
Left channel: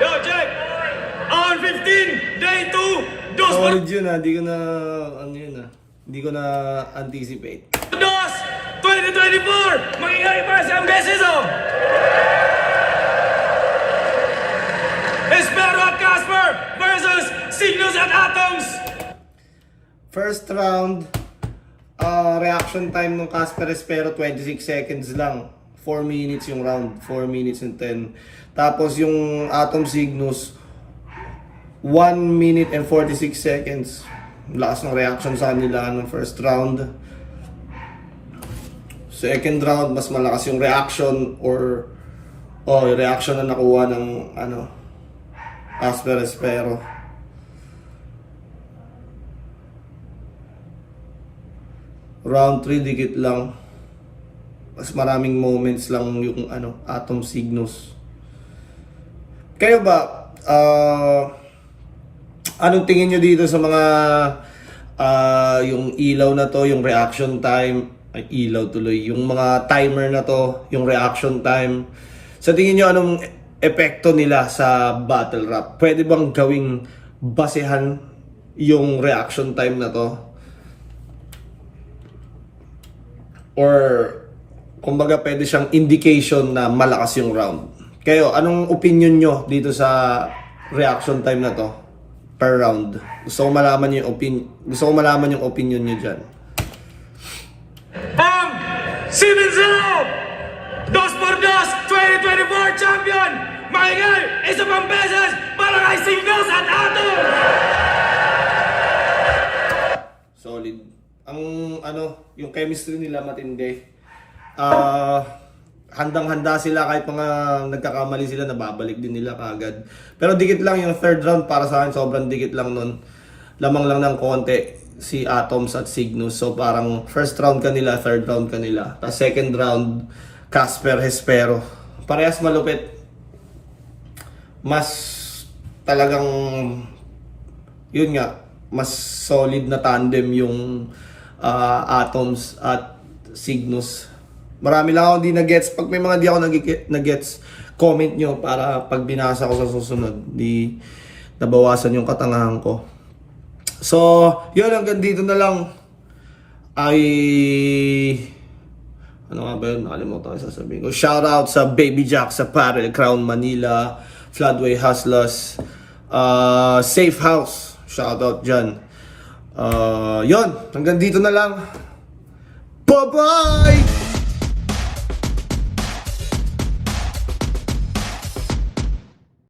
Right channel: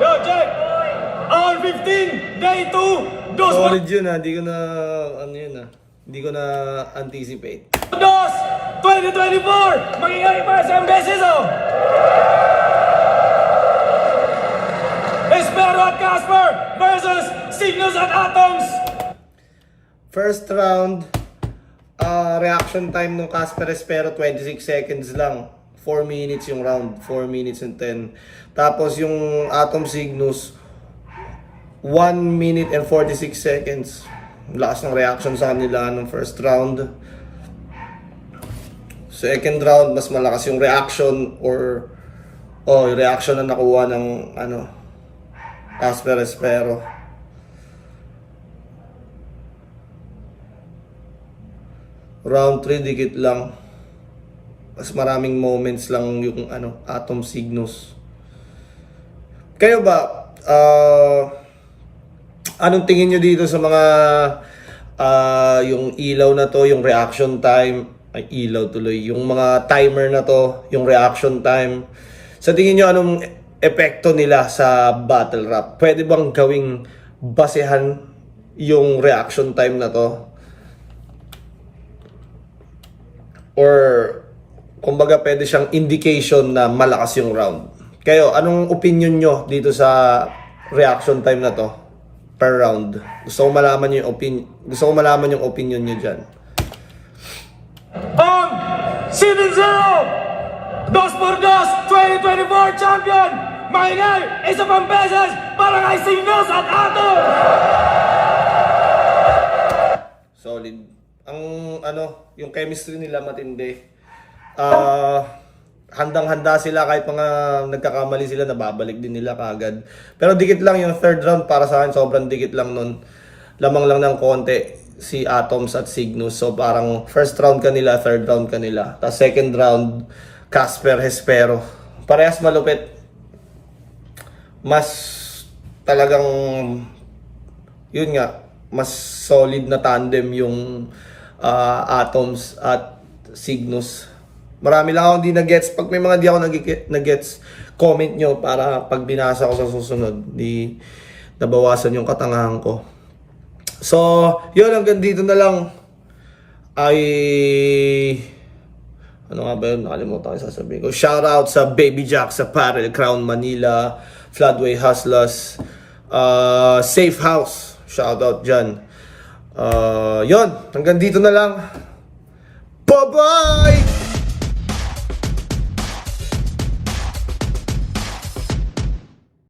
Yo, check! On 15, day 2, dos Solid yun ha, di ko na, ano yun ha, hindi ko na anticipate. 2024! Magiging para sa beses oh! Espero at Casper versus Cygnus at Atoms! First round, reaction time ng Casper Espero 26 seconds lang. 4 minutes yung round, 4 minutes and 10. Tapos yung Atom Cygnus, 1 minute and 46 seconds. Lakas ng reaction sa kanila nung first round. Second round, mas malakas yung reaction or yung reaction na nakuha ng Casper Espero. Round 3 dikit lang. Mas maraming moments lang yung Atom Cygnus. Kayo ba anong tingin nyo dito sa mga yung ilaw na to, yung reaction time, ay ilaw tuloy, yung mga timer na to, yung reaction time. Sa tingin nyo anong epekto nila sa battle rap? Pwede bang gawing basehan yung reaction time na to? Or kumbaga pwede siyang indication na malakas yung round. Kayo, anong opinion nyo dito sa reaction time na to per round? Gusto ko malaman yung opinion nyo dyan. Ang 7-0! 2x2 2024 champion! Maingay, isa pang beses para kay Cygnus at Atoms! Solid. Ang yung chemistry nila matindi. Handang-handa sila kahit mga nagkakamali sila, nababalik din nila kagad. Pero dikit lang yung third round para sa akin, sobrang dikit lang nun. Lamang lang ng konti si Atoms at Cygnus. So parang first round kanila, third round kanila. Tapos second round, Casper Espero. Parehas malupit. Mas talagang yun nga, mas solid na tandem yung Atoms at Cygnus. Marami lang ako hindi na-gets. Pag may mga di ako na-gets, comment nyo para pag binasa ko sa susunod, di nabawasan yung katangahan ko. So, yun, hanggang dito na lang. Ano nga ba yun? Nakalimutan ko sasabihin ko. Shoutout sa Baby Jack sa Parel, Crown Manila, Floodway Hustlers, Safe House. Shoutout dyan. Yun, hanggang dito na lang. Bye-bye!